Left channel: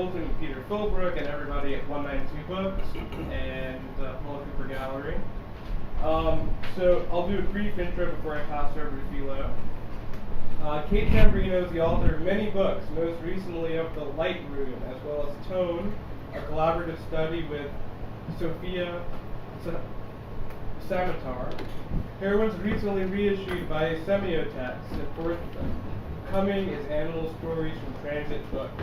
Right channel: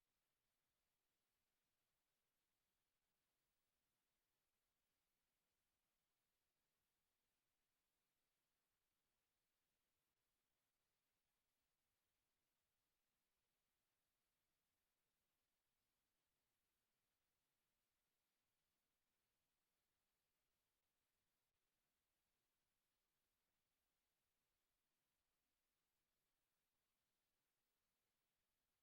Knowlton and Peter Philbrook and everybody at 192 Books and Paul Cooper Gallery. So I'll do a brief intro before I pass over to Philo. Kate Zambreno is the author of many books, most recently of The Light Room, as well as Tone, a collaborative study with Sophia Samatar. Heroines recently reissued by Semiotext, and forthcoming is Animal Stories from Transit Books.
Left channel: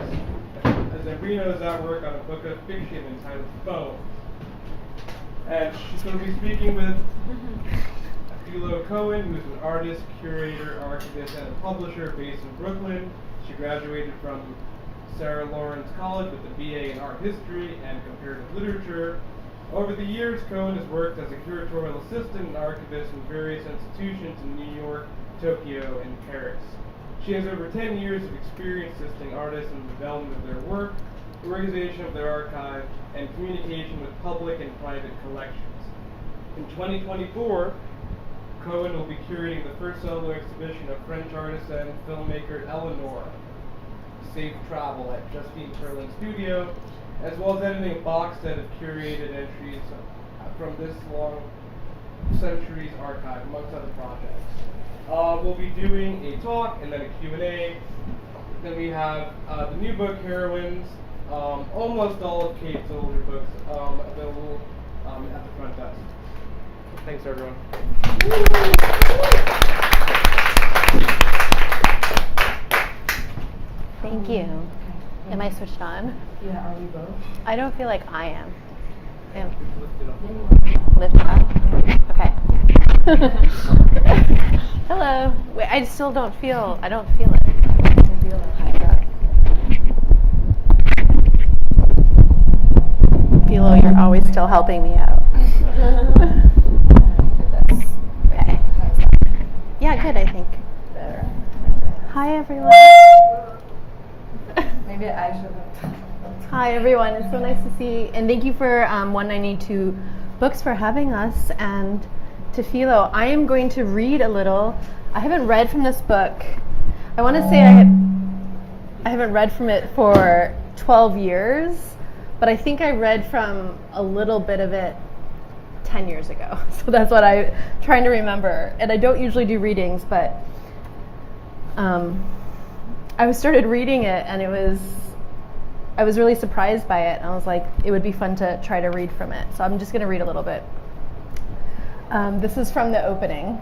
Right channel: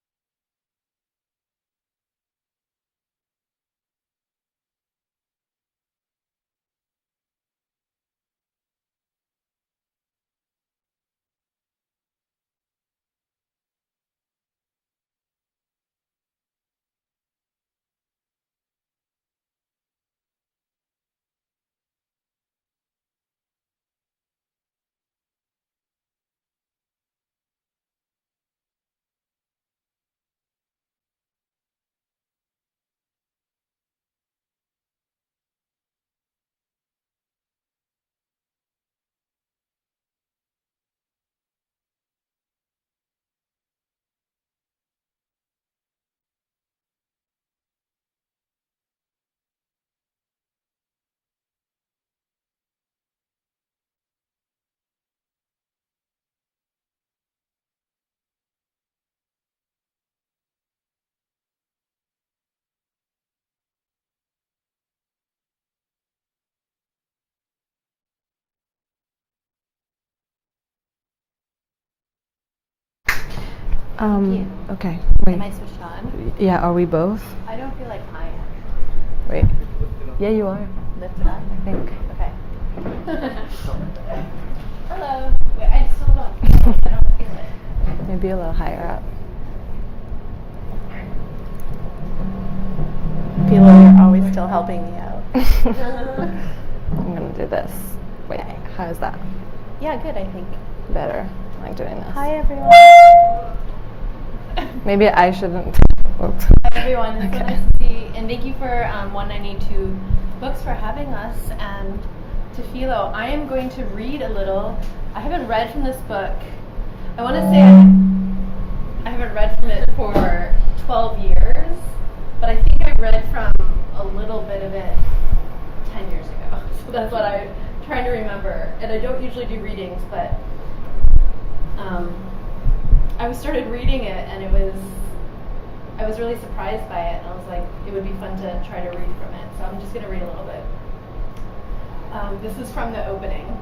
Zambreno is at work on a book of fiction entitled Foam. And she's going to be speaking with Philo Cohen, who is an artist, curator, archivist, and a publisher based in Brooklyn. She graduated from Sarah Lawrence College with a BA in art history and comparative literature. Over the years, Cohen has worked as a curatorial assistant and archivist in various institutions in New York, Tokyo, and Paris. She has over 10 years of experience assisting artists in the development of their work, the organization of their archive, and communication with public and private collections. In 2024, Cohen will be curating the first solo exhibition of French artist and filmmaker Eleanor, Safe Travel at Justine Perlin Studio, as well as editing a box set of curated entries from this long centuries archive, amongst other projects. We'll be doing a talk and then a Q&A. Then we have the new book, Heroines, almost all of Kate's older books available at the front desk. Thanks, everyone. Thank you. Okay. Wait. Am I switched on? Yeah, are we both? I don't feel like I am. Wait. Yeah, you are. Lift it up. Okay. Hello. Wait, I still don't feel it. Maybe a little higher up. Philo, you're always still helping me out. I'm going to do this. Wait, Okay. how's that? Yeah, good, I think. Better. I like doing this. Hi, everyone. Maybe I shouldn't. Whoops. Hi, everyone. It's so Okay. nice to see. And thank you for 192 Books for having us. And to Philo, I am going to read a little. I haven't read from this book. I want to say I haven't read from it for 12 years, but I think I read from a little bit of it 10 years ago. So that's what I'm trying to remember. And I don't usually do readings, but I started reading it, and I was really surprised by it. And I was like, it would be fun to try to read from it. So I'm just going to read a little bit. This is from the opening.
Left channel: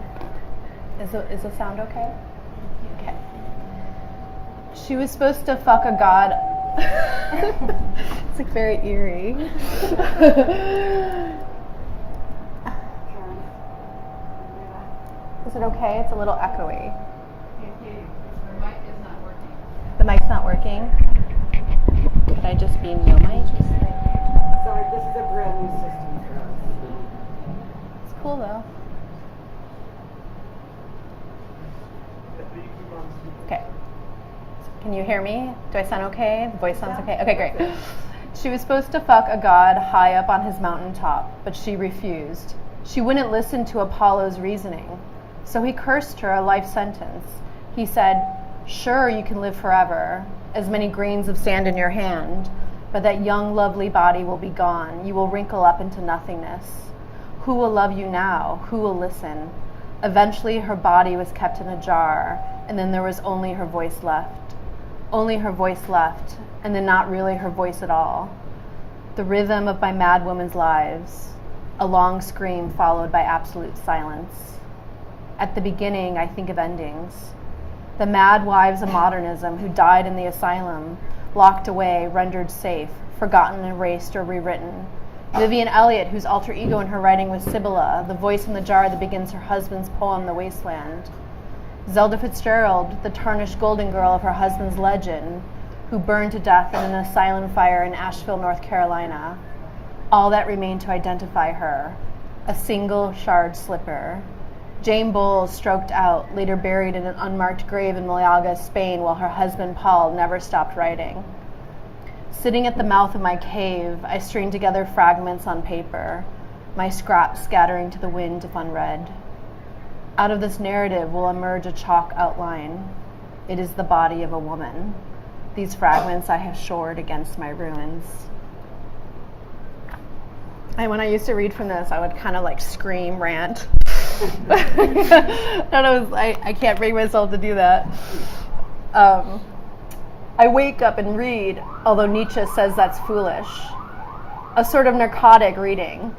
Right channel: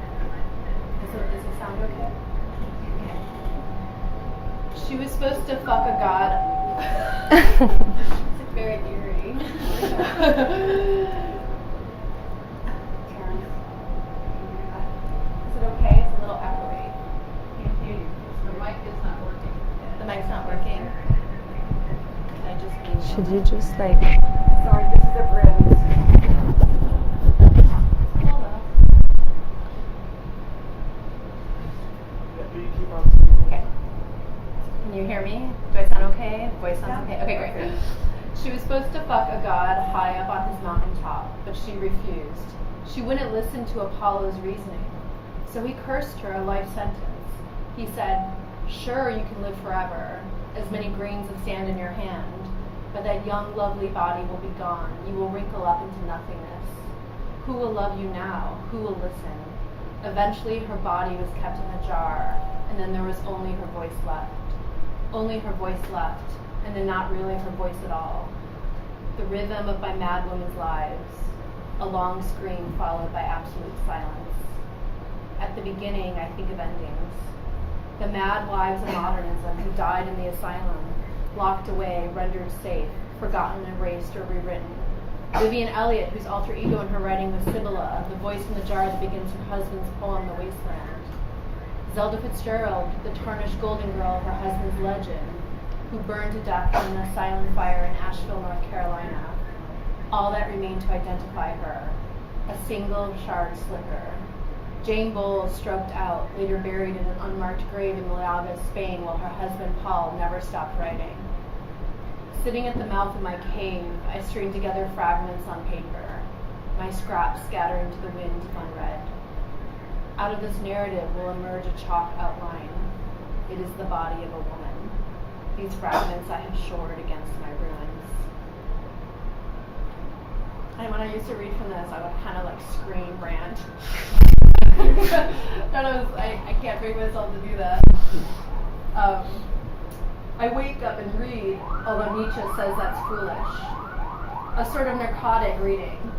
Is the sound okay? Okay. She was supposed to fuck a god. It's like very eerie. Karen, is it okay? It's a little echoey. The mic is not working. The mic's not working. Could I just be Should normal? you just like... Sorry, this is a brand new system. It's cool though. You keep on speaking. Okay. Can you hear me? Do I sound okay? The voice sounds okay? Okay, great. She was supposed to fuck a god high up on his mountaintop, but she refused. She wouldn't listen to Apollo's reasoning. So he cursed her a life sentence. He said, "Sure, you can live forever, as many grains of sand in your hand, but that young, lovely body will be gone. You will wrinkle up into nothingness. Who will love you now? Who will listen?" Eventually, her body was kept in a jar, and then there was only her voice left. Only her voice left, and then not really her voice at all. The rhythm of my mad woman's lives, a long scream followed by absolute silence. At the beginning, I think of endings. The mad wives of modernism who died in the asylum, locked away, rendered safe, forgotten, erased, or rewritten. Vivian Elliott, whose alter ego in her writing was Sibylla, the voice in the jar that begins her husband's poem, The Wasteland. Zelda Fitzgerald, the tarnished golden girl of her husband's legend, who burned to death in an asylum fire in Asheville, North Carolina. All that remained to identify her, a single shard slipper. Jane Bowles stroked out, later buried in an unmarked grave in Malaga, Spain, while her husband Paul never stopped writing. Sitting at the mouth of my cave, I string together fragments on paper, my scraps scattering to the wind if unread. Out of this narrative will emerge a chalk outline. It is the body of a woman. these fragments I have shored against my ruins. And when I used to read from this, I would kind of like scream, rant. I can't bring myself to do that. I wake up and read, although Nietzsche says that's foolish. A sort of narcotic reading.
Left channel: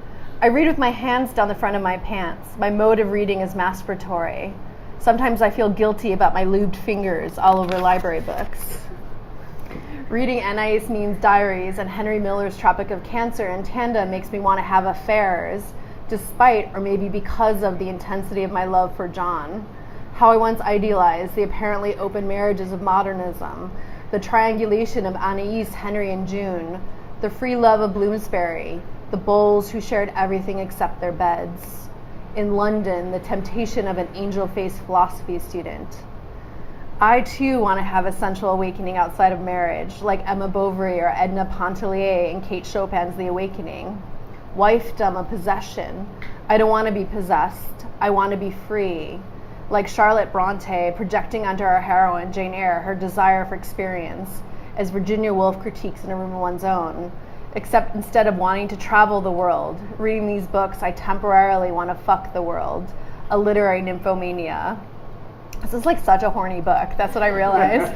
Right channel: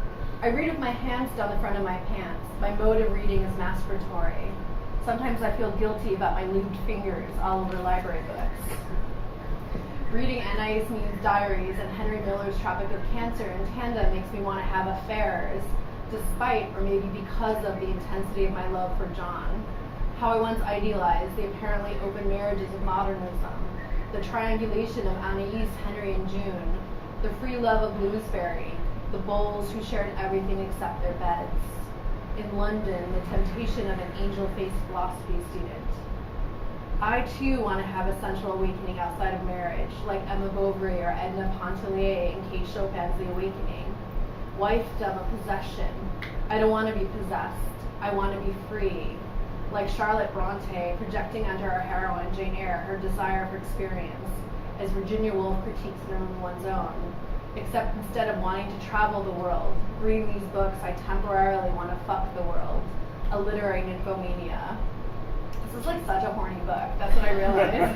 I read with my hands down the front of my pants. My mode of reading is masturbatory. Sometimes I feel guilty about my lubed fingers all over library books. Reading Anais Nin's diaries and Henry Miller's Tropic of Cancer in tandem makes me want to have affairs, despite or maybe because of the intensity of my love for John. How I once idealized the apparently open marriages of modernism, the triangulation of Anais, Henry, and June, the free love of Bloomsbury, the Bowles who shared everything except their beds. In London, the temptation of an angel-faced philosophy student. I too want to have a sensual awakening outside of marriage, like Emma Bovary or Edna Pontellier in Kate Chopin's The Awakening. Wifedom a possession. I don't want to be possessed. I want to be free. Like Charlotte Bronte projecting onto our heroine, Jane Eyre, her desire for experience, as Virginia Woolf critiques in A Room of One's Own. Except instead of wanting to travel the world, reading these books, I temporarily want to fuck the world. A literary nymphomania. This is like such a horny book. That's what I realized.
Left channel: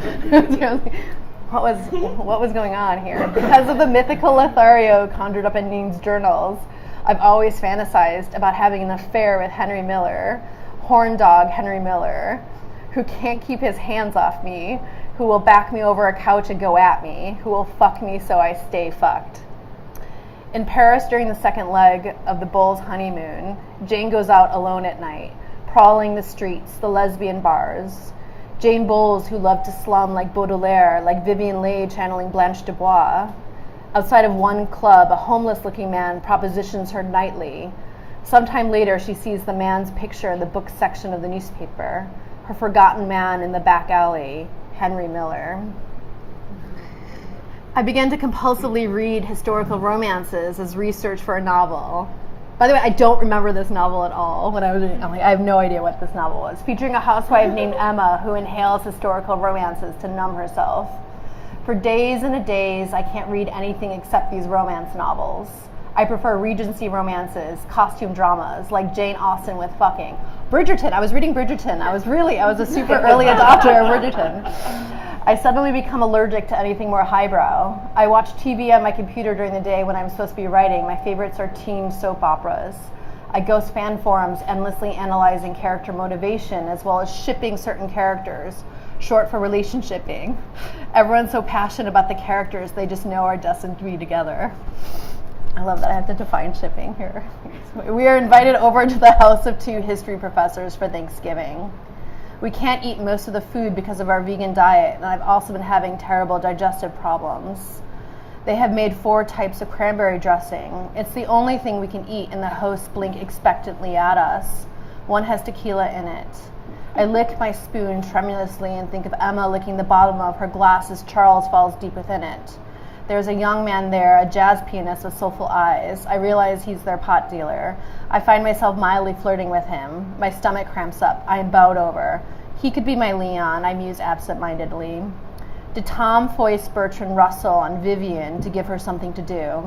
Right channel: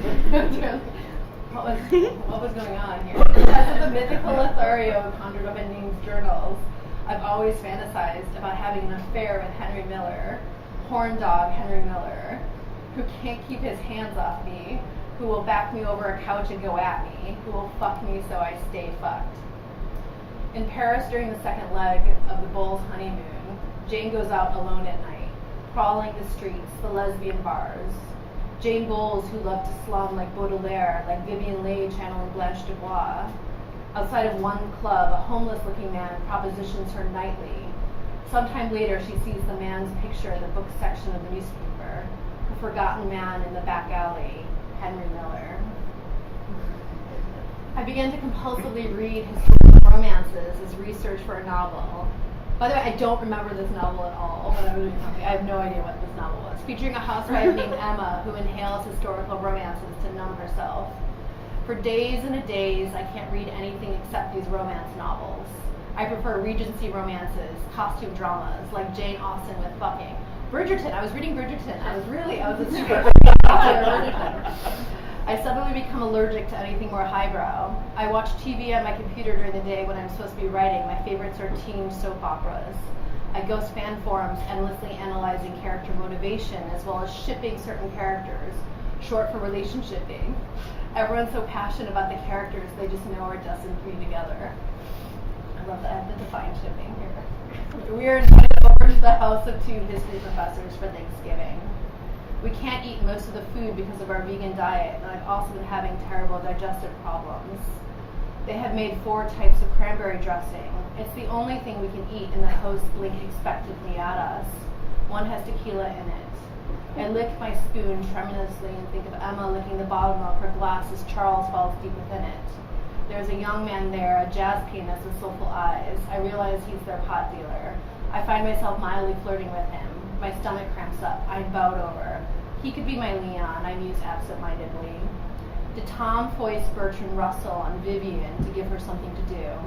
What was going on here? Because of the mythical Lothario conjured up in Neen's journals, I've always fantasized about having an affair with Henry Miller, horn dog Henry Miller, who can't keep his hands off me, who will back me over a couch and go at me, who will fuck me so I stay fucked. In Paris during the second leg of the Bowles' honeymoon, Jane goes out alone at night, prowling the streets, the lesbian bars. Jane Bowles, who loved to slum like Baudelaire, like Vivian Leigh channeling Blanche Dubois. Outside of one club, a homeless-looking man propositions her nightly. Sometime later, she sees the man's picture in the book section of the newspaper. Her forgotten man in the back alley, Henry Miller. I began to compulsively read historical romances as research for a novel. By the way, I don't remember this novel at all. When I was reading, I have no idea what this novel was. Featuring a housewife named Emma who inhales historical romances to numb herself. For days and days, I can't read anything except these romance novels. I prefer Regency romances, costume dramas, like Jane Austen with fucking. Bridgerton, I was reading Bridgerton. I was a super early adopter of Bridgerton. I suddenly become allergic to anything more highbrow. I watch TV on my computer during the day when I'm supposed to be writing. My favorites are teen soap operas. I ghost fan forums, endlessly analyzing character motivation, as well as shipping certain characters, short for relationshipping. Everyone's so passionate about the characters they just know are destined to be together. I love that I have to define shipping here. We are invited over to the house of two history professors for Thanksgiving. We can't eat most of the food because of our vegan diet, and I've also been having terrible digestive problems. They have made 4 types of cranberry dressing. It's the only thing we can eat, and the hosts blink expectantly at us. One has tequila in it. I lick my spoon tremulously and think of Emma licking the bottom of her glass as Charles falls deep within it. There's a young man there, a jazz pianist with soulful eyes. I realize he's their pot dealer. I find myself mildly flirting with him. My stomach cramps up. I am bowed over. He could be my Leon, I muse absent-mindedly. Did Tom foist Bertrand Russell on Vivian to give her something to do?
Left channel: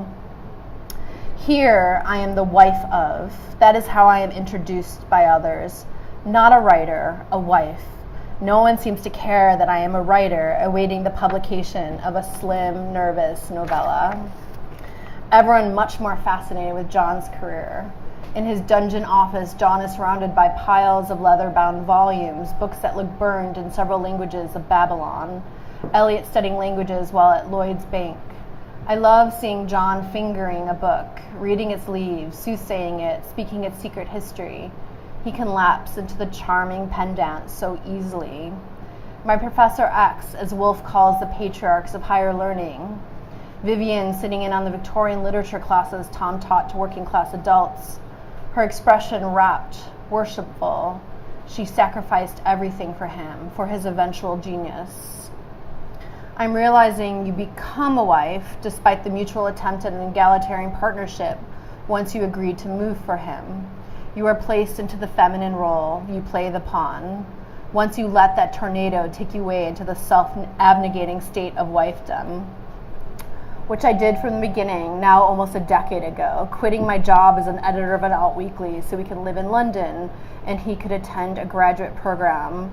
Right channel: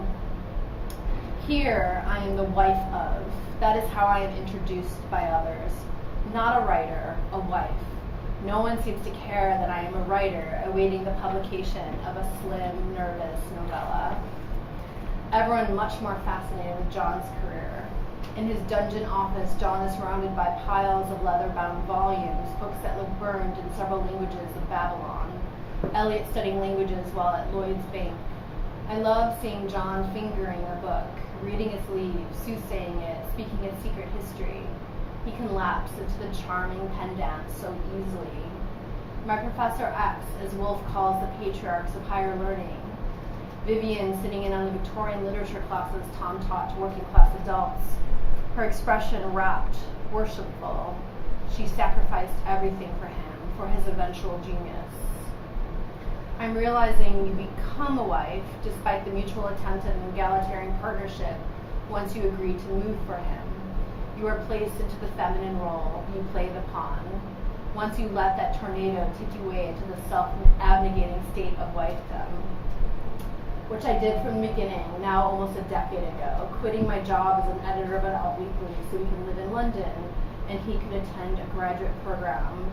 Here I am the wife of. That is how I am introduced by others. Not a writer, a wife. No one seems to care that I am a writer awaiting the publication of a slim, nervous novella. Everyone much more fascinated with John's career. In his dungeon office, John is surrounded by piles of leather-bound volumes, books that look burned in several languages of Babylon. Eliot studying languages while at Lloyd's Bank. I love seeing John fingering a book, reading its leaves, soothsaying it, speaking its secret history. He can lapse into the charming pen dance so easily. My Professor X, as Woolf calls the patriarchs of higher learning. Vivian sitting in on the Victorian literature classes Tom taught to working-class adults. Her expression rapt, worshipful. She sacrificed everything for him, for his eventual genius. I'm realizing you become a wife despite the mutual attempt at an egalitarian partnership once you agree to move for him. You are placed into the feminine role. You play the pawn. once you let that tornado take you away into the self-abnegating state of wifedom, which I did from the beginning, now almost a decade ago, quitting my job as an editor of an alt weekly so we could live in London and he could attend a graduate program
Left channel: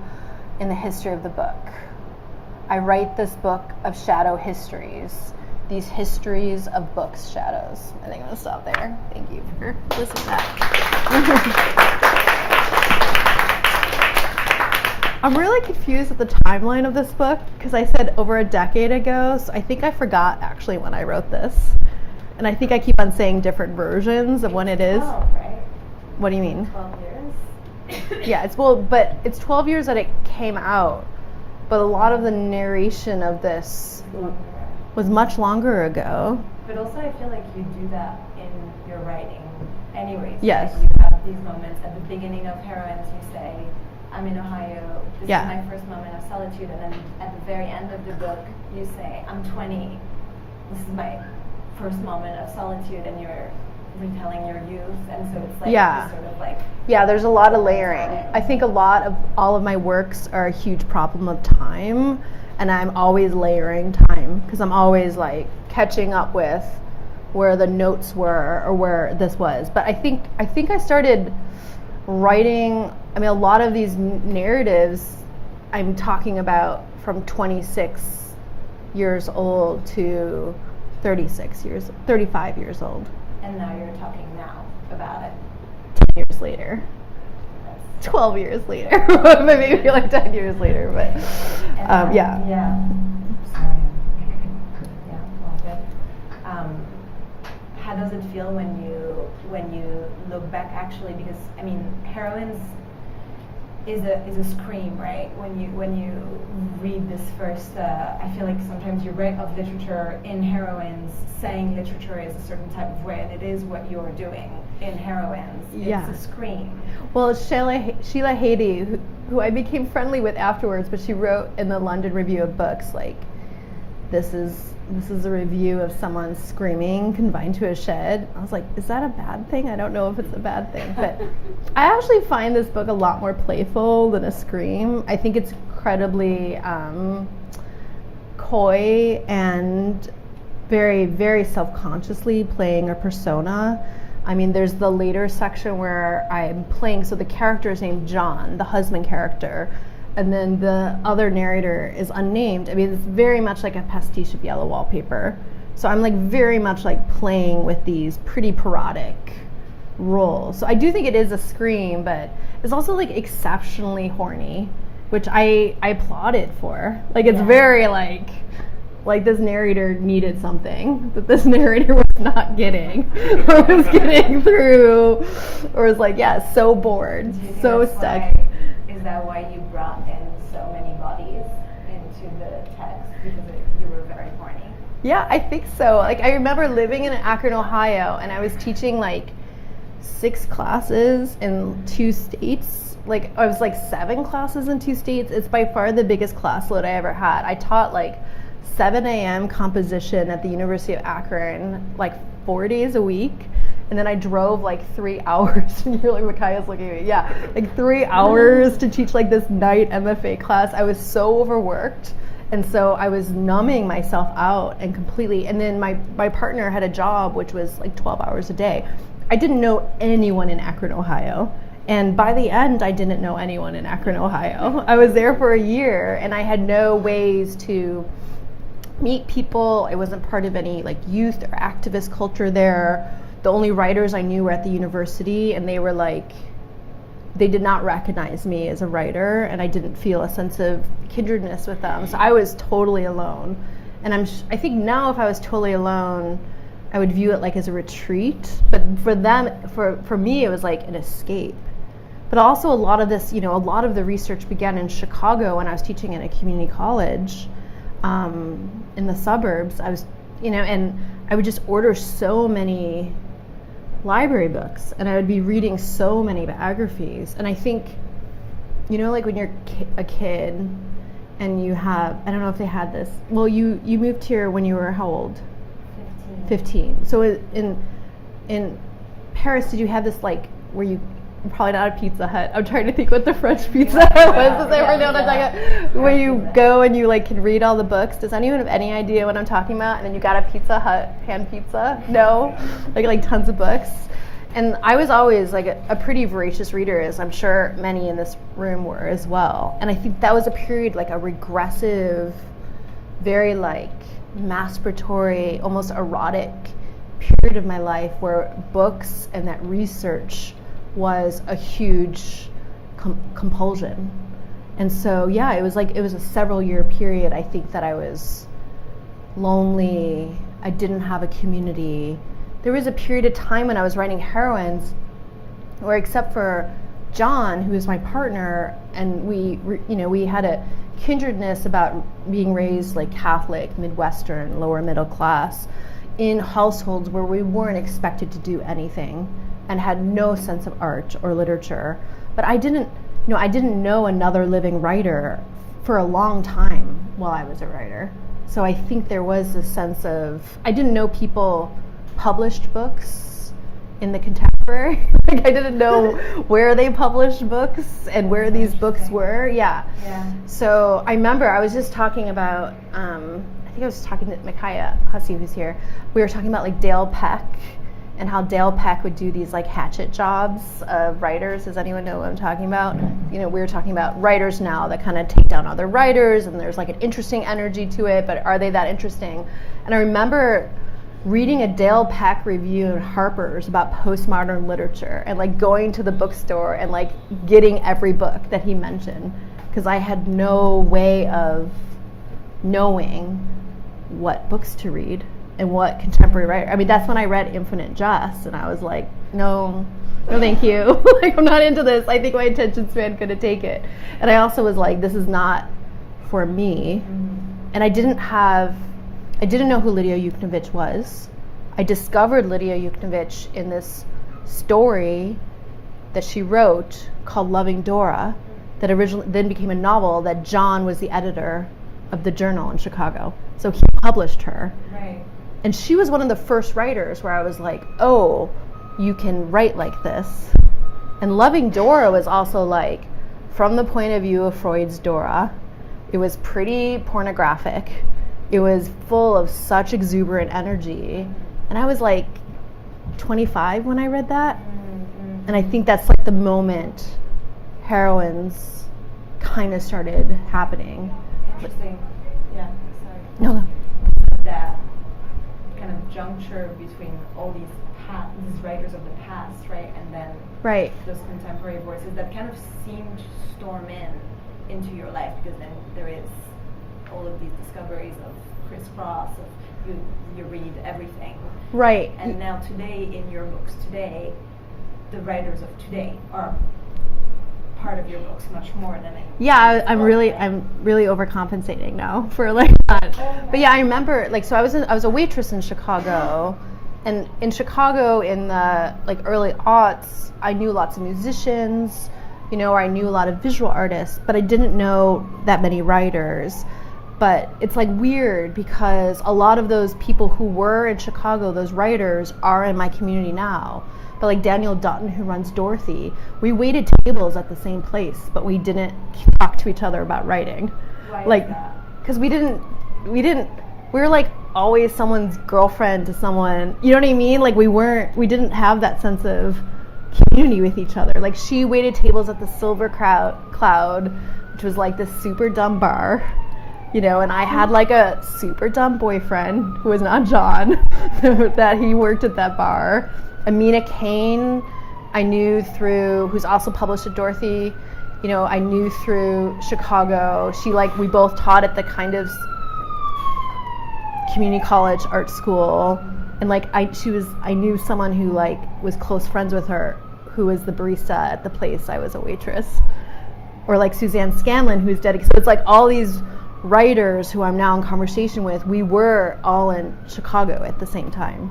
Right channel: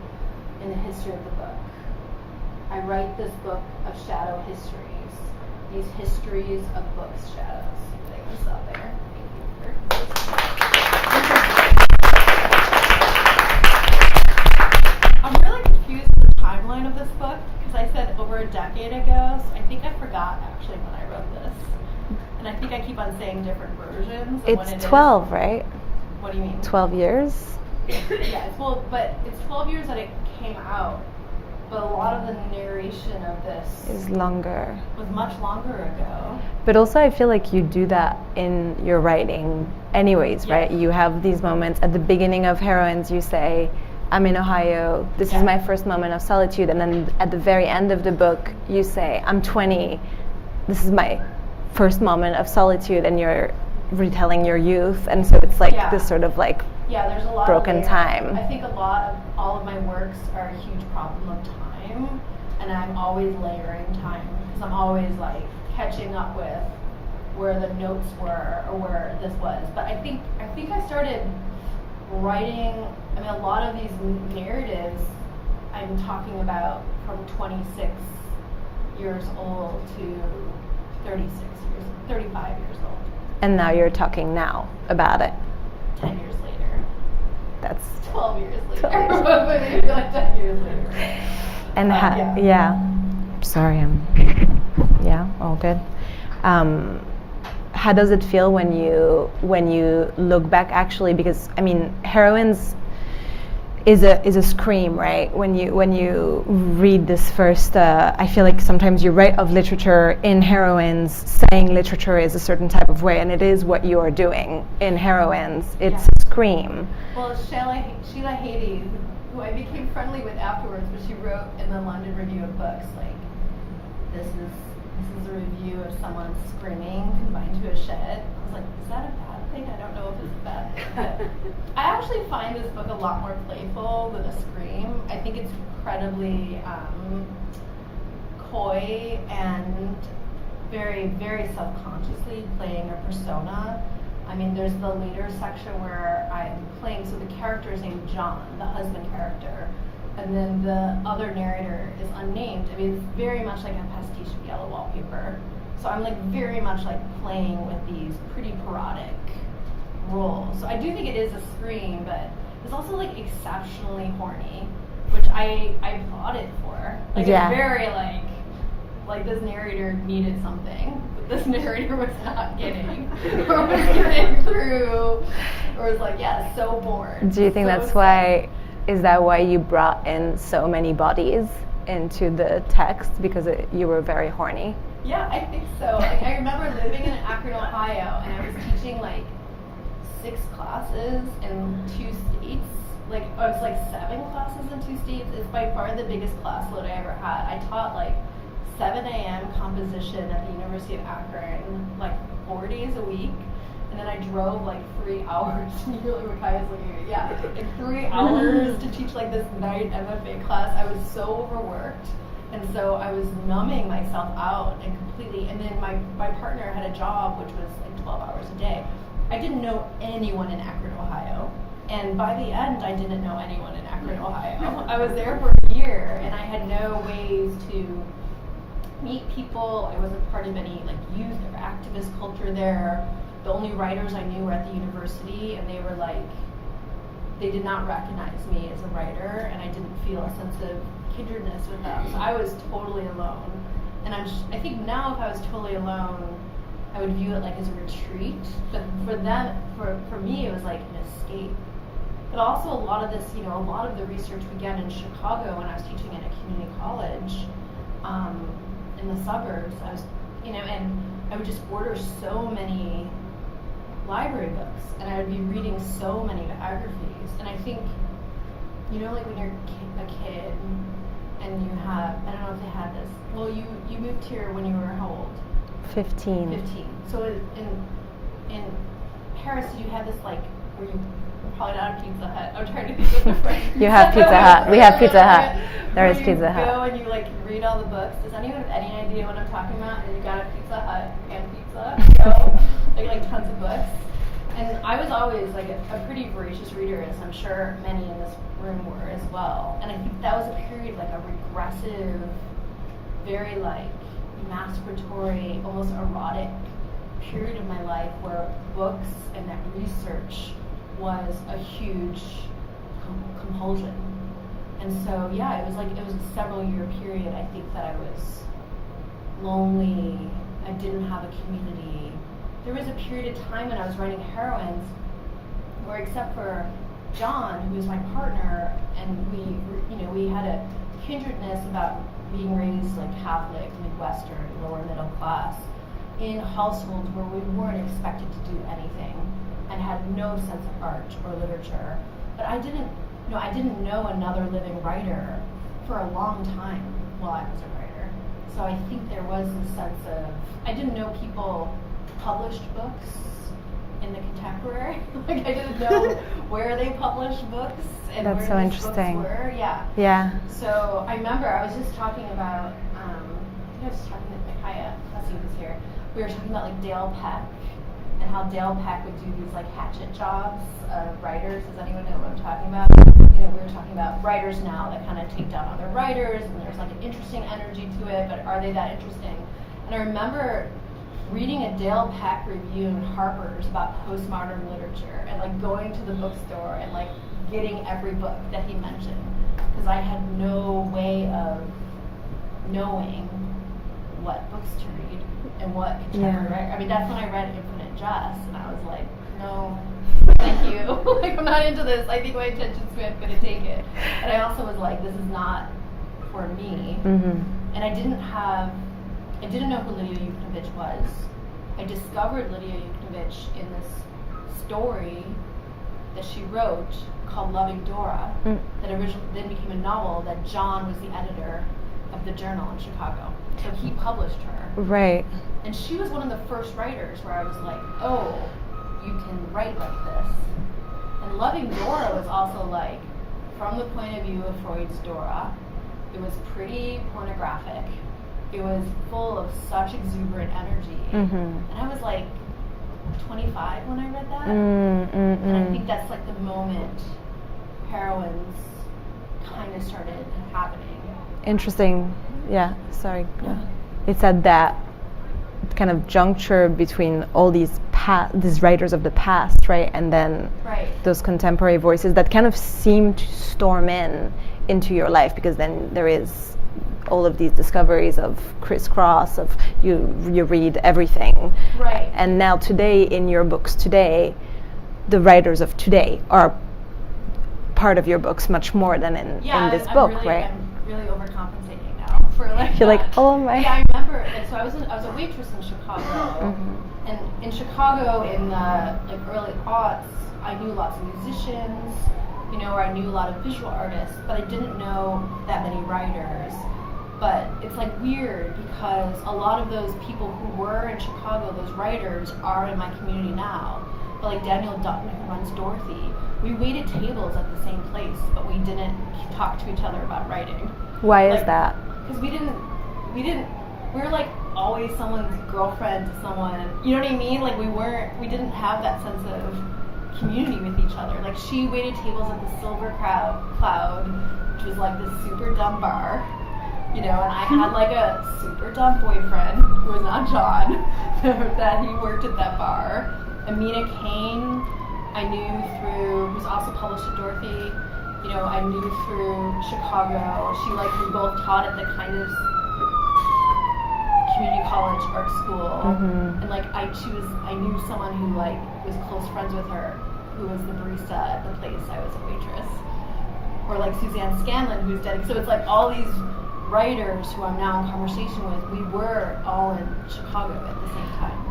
in the history of the book. I write this book of shadow histories, these histories of books' shadows. I think I'm going to stop there. Thank you for listening to that. I'm really confused with the timeline of this book because I said over a decade ago, so I think I forgot actually when I wrote this. And I think I keep on saying different versions of when it is. It's 12, right? What do you mean? 12 years? Yeah, but it's 12 years that it came out. But a lot of the narration of this Is longer. was much longer ago. But also I feel like you do that in your writing anyways, Yes. right? You have these moments at the beginning of Heroines, you say, I'm in Ohio, this Yeah. is my first moment of solitude. And then at the very end of the book, you say, I'm 20, this is my first moment of solitude, and you're retelling your youth. And so it's like this sort of like Yeah, there's a lot of broken layering. time. I think all of my works are a huge problem of time, and I'm always layering time because I'm always like catching up with where the notes were or where this was. But I think I started writing. I mean, a lot of these narratives I'm talking about from 26 years old to 35 years old. And now you're talking now about it. 10 years later. That's 12 years later. Maybe like 10 years later. But, and yeah. Sorry, all good. How does it feel when you look back actually? Because I mean, Heroines is a scream, right? When you read this first, I feel like sometimes you write of literature in Heroines, saying literature is a certain type of way, and it is what you are doing in Heroines. It's a scream. Well, it's Sheila Hady, who I became friendly with afterwards, but she wrote in the London Review of Books, like, this is a review of someone screaming confined to a shed. I was like, is that a bad thing? I don't know if it's a bad thing, but I actually find this book a lot more playful than a scream. I think it's incredibly coy and very, very self-consciously playing a persona. I mean, there's the later section where I'm playing, so the character is named John, the husband character, and then the other narrator is unnamed. I mean, it's very much like a pastiche of Yellow Wallpaper. So I'm like very much like playing with these pretty parodic roles. So I do think it is a scream, but it's also like exceptionally horny, which I applaud it for. Like it's very like this narrator needed something that this narrator was not getting, or was getting through, or was like, so bored. Do you think so that's why? Is that why you brought in so many bodies into the text, because you were very horny? Yeah, I think so. Like I remember living in Akron, Ohio, and I was teaching like 6 classes in 2 states. Like I was like 7 classes in 2 states. It's by far the biggest class load I ever had. I taught like 7 a.m. composition at the University of Akron, like 4 days a week. And then I drove like 3 hours, and you're like, Makaya's looking at me. Yeah, like 3 hours to teach like this night MFA class. I was so overworked. And so I was numbing myself out and completely, and then my partner had a job which was like 12 hours a day. I didn't know anyone in Akron, Ohio. And by the end, I didn't know anyone in Akron, Ohio. I was there for a year, and I had no ways to meet people. I wasn't part of any like youth or activist culture there. The only writers I knew were at the university, and they were like, they did not recognize me as a writer, and I didn't feel a sense of kindredness with them. So I was totally alone. And I think now if I was totally alone, I would view it like as a retreat. But for them, for me, it was like an escape. But also a lot of this, a lot of the research began in Chicago when I was teaching in a community college in the suburbs. I was, and I would just order so many library books, and I would be reading so many biographies. And I think, like when you're a kid and you have, I don't know if they had this, well, you moved here when you were how old? 15. 15. So in Paris, did you have this like where you probably not a Pizza Hut. I'm trying to think what the French Pizza You have Pizza Hut. We have Hut. Pizza Hut. Where There's you Pizza Hut. go and you like can read all the books. Does anyone have any idea what I'm talking about? And then you got a Pizza Hut hand pizza. No, like tons of books. And I was always like a pretty voracious reader, as I'm sure many in this room were as well. And I think that was a period, like a regressive, very like masturbatory, almost erotic period of my life where books and that research was a huge compulsion. And so yeah, it was a several year period. I think that I was lonely. I didn't have a community. There was a period of time when I was writing Heroines where, except for John, who was my partner, and we had a kindredness about being raised like Catholic, Midwestern, lower middle class, in households where we weren't expected to do anything and had no sense of art or literature. But I didn't know another living writer for a long time while I was a writer. So I think there was this sense of, I didn't know people published books in the contemporary. Like I didn't know where they published books and That's where so these books interesting. were. Yeah. So I remember I was just talking about, I think I was talking to Micaiah Hussey, who's here. We were talking about like Dale Peck and how Dale Peck would do these like hatchet jobs of writers. Does anyone know what I'm talking about? We were talking about writers now that kind of take down other writers, and there's like an interesting energy to it, but are they that interesting? And I remember reading a Dale Peck review in Harper's about postmodern literature and like going to the bookstore and like getting every book that he mentioned, because I had no way of knowing what books to read and what contemporary writer. I mean, that's when I read Infinite Jest, and I was like, no thank you. Like, I'm not into this. I think my attention span couldn't take it. And I also was like, this is not for me. Mm-hmm. And I didn't know who Lydia Yuknavitch was. I discovered Lydia Yuknavitch in this story that she wrote called Loving Dora, that originally then became a novel that John was the editor of the Journal in Chicago. So he published her. Right. And she was one of the first writers where I was like, oh, you can write like this. And Loving Dora was also like, from the point of view of Freud's Dora, it was pretty pornographic. It was full of such exuberant energy. Mm-hmm. And I was like 25 when I read that. Mm-hmm. And I think that's like the moment Heroines kind of started happening. Interesting. Yeah, sorry. No. It's at that kind of juncture between all these writers of the past, right? And then Right. those contemporary voices that kind of seem to storm into your life, because then there is all of these discoveries of crisscross, of you read everything. Right. And now today, in your books today, the writers of today are part of your books much more than in this I'm book, really right? I'm really overcompensating now for like You're like, that. oh my. But yeah, I remember like, so I was a waitress in Chicago, and in Chicago in the like early aughts, I knew lots of musicians, I knew a lot of visual artists, but I didn't know that many writers. But it's like weird because a lot of those people who were in Chicago, those writers, are in my community now. But like Daniel Dutton, who runs Dorothy, we waited tables at the same place, but we didn't talk to each other about writing. Why like, is that? Because we were like always someone's girlfriend to someone, you know what I mean? Like we didn't have that sense of community with each other. Like she waited tables at the Silver Cloud, which was like this super dumb bar, and I had like a super dumb boyfriend who was not John, that he worked at that bar. Amina Kane, I knew through, who's also published at Dorothy, I knew through Chicago. We both taught at the kind of community college art school. And like I knew someone who like was close friends with her, who was the barista at the place I was a waitress. Or like Suzanne Scanlon, who's dedicated. So it's like all these writers who I'm now in conversation with, we were all in Chicago at the same time.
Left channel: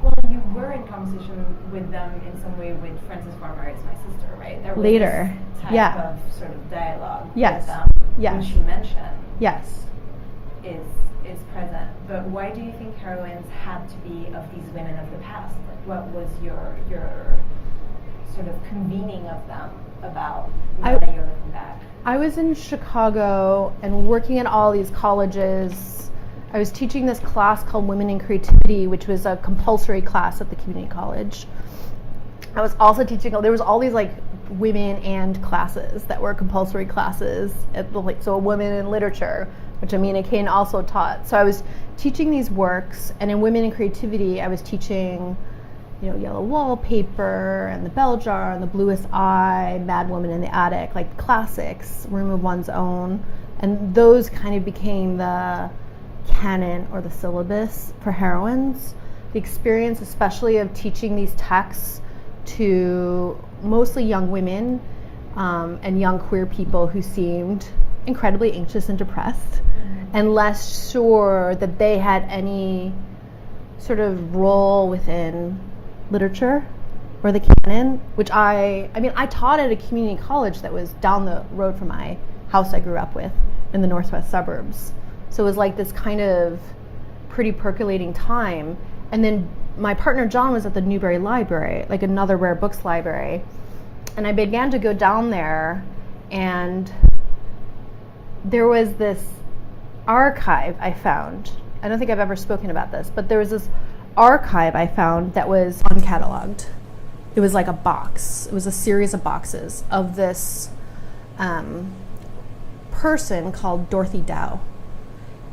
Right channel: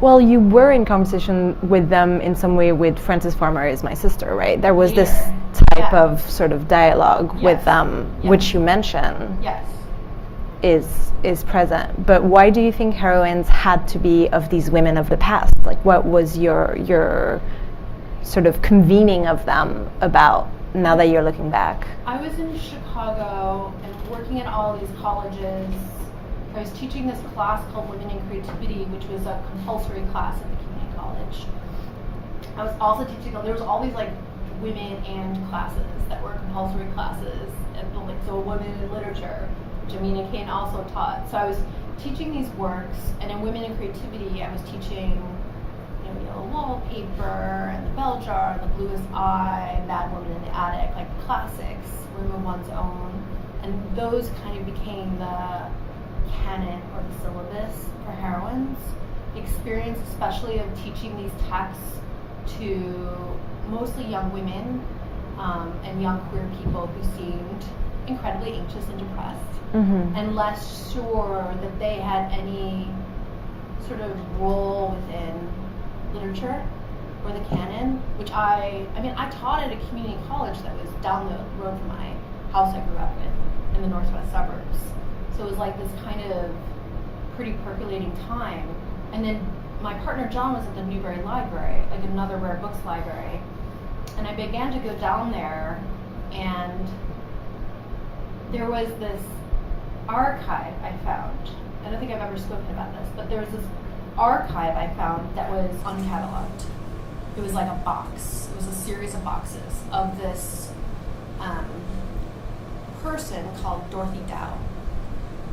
Well, you were in conversation with them in some way with Frances Farmer Is My Sister, right? There was this type of sort of dialogue with them, which you mentioned. Yes. Is present. But why do you think Heroines had to be of these women of the past? Like, what was your sort of convening of them about now that you're looking back? I was in Chicago and working at all these colleges. I was teaching this class called Women in Creativity, which was a compulsory class at the community college. I was also teaching, there was all these like women and classes that were compulsory classes, so women in literature, which Amina Kane also taught. So I was teaching these works, and in Women in Creativity, I was teaching, Yellow Wallpaper, and The Bell Jar, and The Bluest Eye, Mad Woman in the Attic, like classics, Room of One's Own, and those kind of became the canon or the syllabus for Heroines. The experience, especially of teaching these texts to mostly young women and young queer people who seemed incredibly anxious and depressed, and less sure that they had any sort of role within literature or the canon, which I taught at a community college that was down the road from my house I grew up with in the northwest suburbs. So it was like this kind of pretty percolating time. And then my partner John was at the Newberry Library, like another rare books library. And I began to go down there, and there was this archive I found. I don't think I've ever spoken about this, but there was this archive I found that was uncatalogued. It was like a box. It was a series of boxes of this person called Dorothy Dow.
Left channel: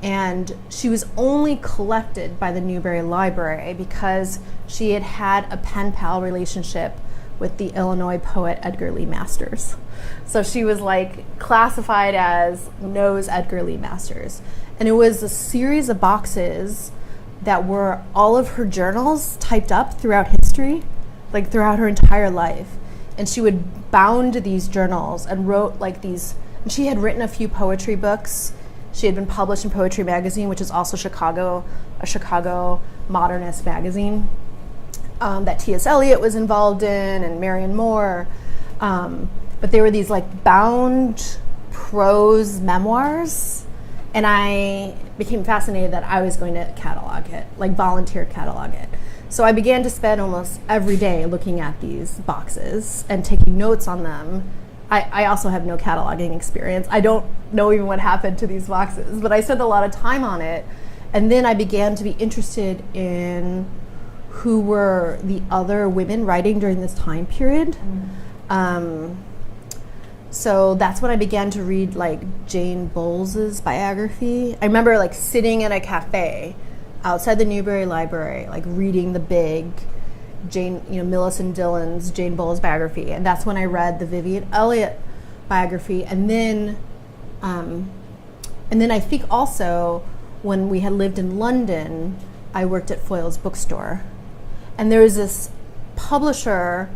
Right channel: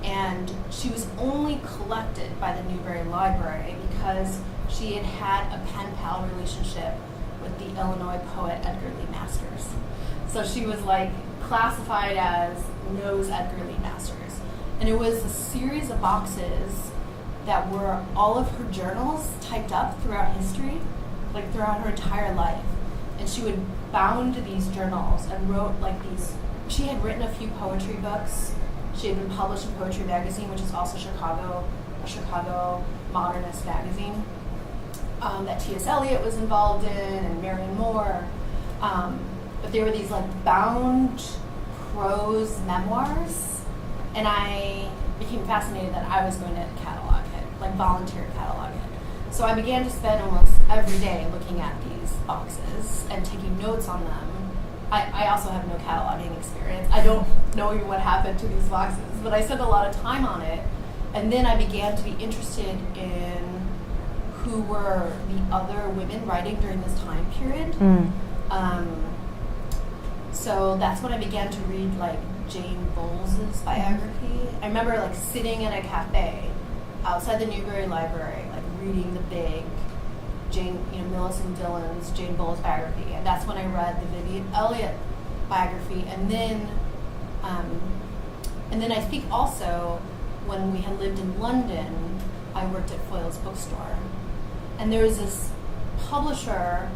And she was only collected by the Newberry Library because she had had a pen pal relationship with the Illinois poet Edgar Lee Masters. So she was like classified as knows Edgar Lee Masters. And it was a series of boxes that were all of her journals typed up throughout history, like throughout her entire life. And she would bound these journals and wrote like these, she had written a few poetry books. She had been published in Poetry Magazine, which is also a Chicago modernist magazine that T.S. Eliot was involved in, and Marion Moore. But they were these like bound prose memoirs, and I became fascinated that I was going to catalog it, like volunteer catalog it. So I began to spend almost every day looking at these boxes and taking notes on them. I also have no cataloging experience. I don't know even what happened to these boxes, but I spent a lot of time on it. And then I began to be interested in who were the other women writing during this time period. So that's when I began to read like Jane Bowles's biography. I remember like sitting in a cafe outside the Newberry Library, like reading the big Millicent Dillon's Jane Bowles biography, and that's when I read the Vivian Elliott biography, and then I think also when we had lived in London, I worked at Foyle's bookstore, and there was this publisher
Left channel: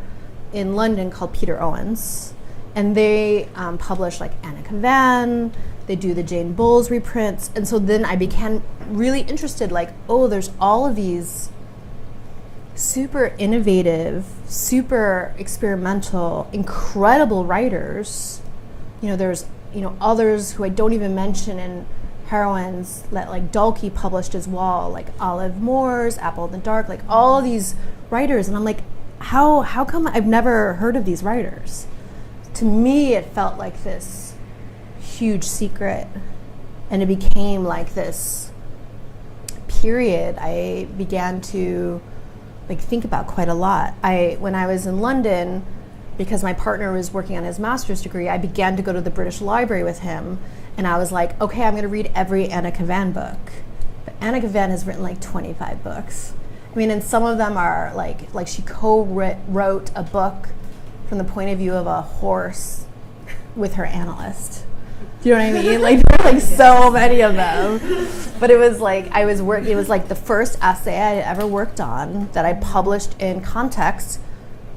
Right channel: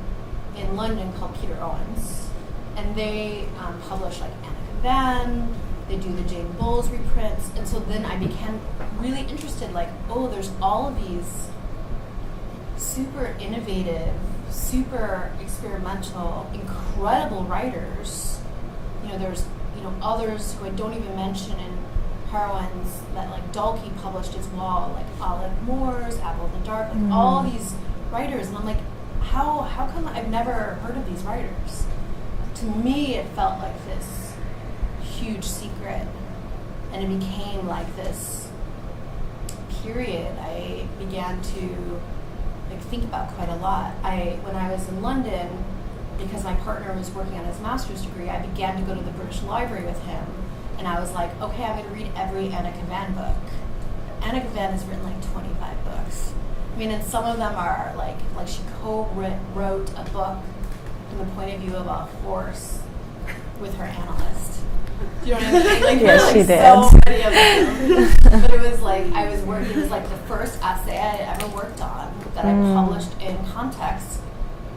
in London called Peter Owens, and they publish like Anna Kavan. They do the Jane Bowles reprints, and so then I became really interested. Like, oh, there's all of these super innovative, super experimental, incredible writers. There's others who I don't even mention in Heroines that like Dalkey published as well, like Olive Moore's Apple in the Dark, like all these writers, and I'm like, how come I've never heard of these writers? To me, it felt like this huge secret, and it became like this period I began to think about quite a lot. When I was in London, because my partner was working on his master's degree, I began to go to the British Library with him, and I was like, okay, I'm going to read every Anna Kavan book. But Anna Kavan has written like 25 books. I mean, and some of them are like she co-wrote a book from the point of view of a horse with her analyst. Do you know what I mean? Like there's like so many of them. But it was like it was like the first essay I had ever worked on that I published in Context,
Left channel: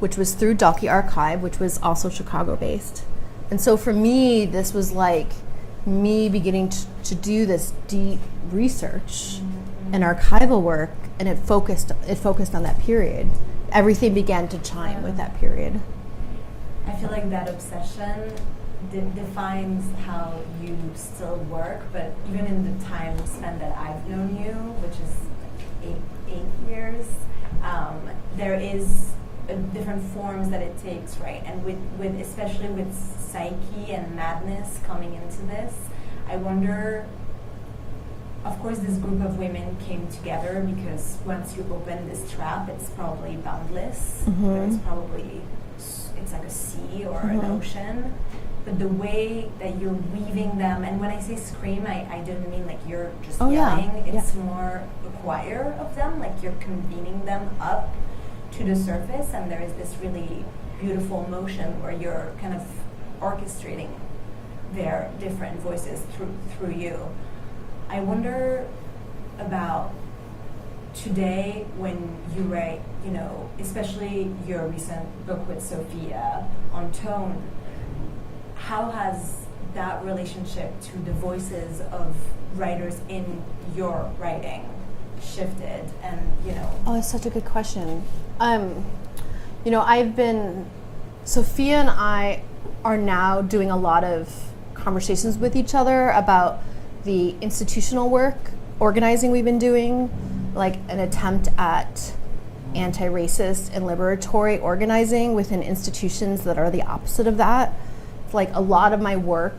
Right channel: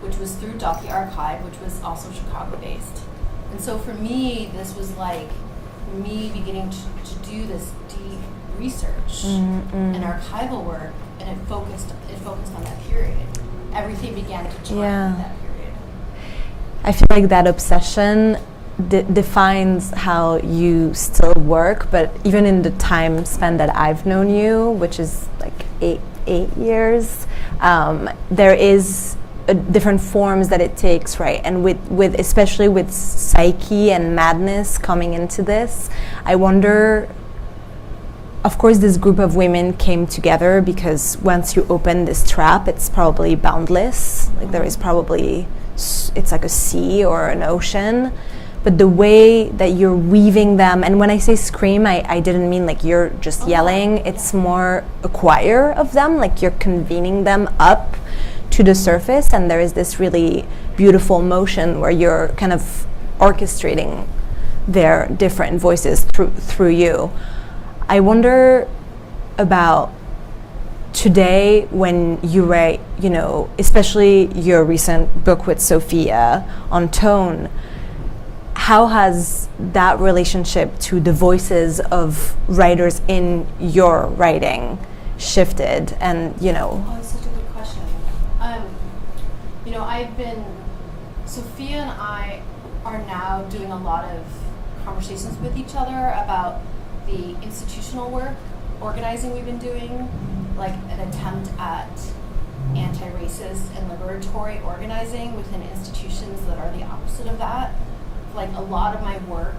which was through Dalkey Archive, which was also Chicago based. And so for me, this was like me beginning to do this deep research and archival work, and it focused on that period. Everything began to join with that period. I feel like that obsession defines how you still work, but even in the time span that I've known you, which is like eight years, there is different forms that it takes, right? And with especially with psyche and madness coming into this, I wonder. Of course, this group of women came together because once you open this trap, it's probably boundless. Like there is probably, it's like a sea or an ocean. But the way that you're weaving them, and when I say scream, I didn't mean like you're just yelling. It's more a choir of them, like you're convening them up to the surface, and there is this really beautiful motion where you're kind of orchestrating their different voices through you. I wonder about today when you write, you know, especially your recent book with Sophia on tone, how has that relationship to the voices of writers in your writing shifted? And, you know. Oh, it's such a good question. You know, Sophia and I are now doing a lot of conversations with each other about the institutional work, organizing we've been doing, like an attempt at anti-racist and liberatory organizing within institutions that are the opposite of that. Like a lot of my work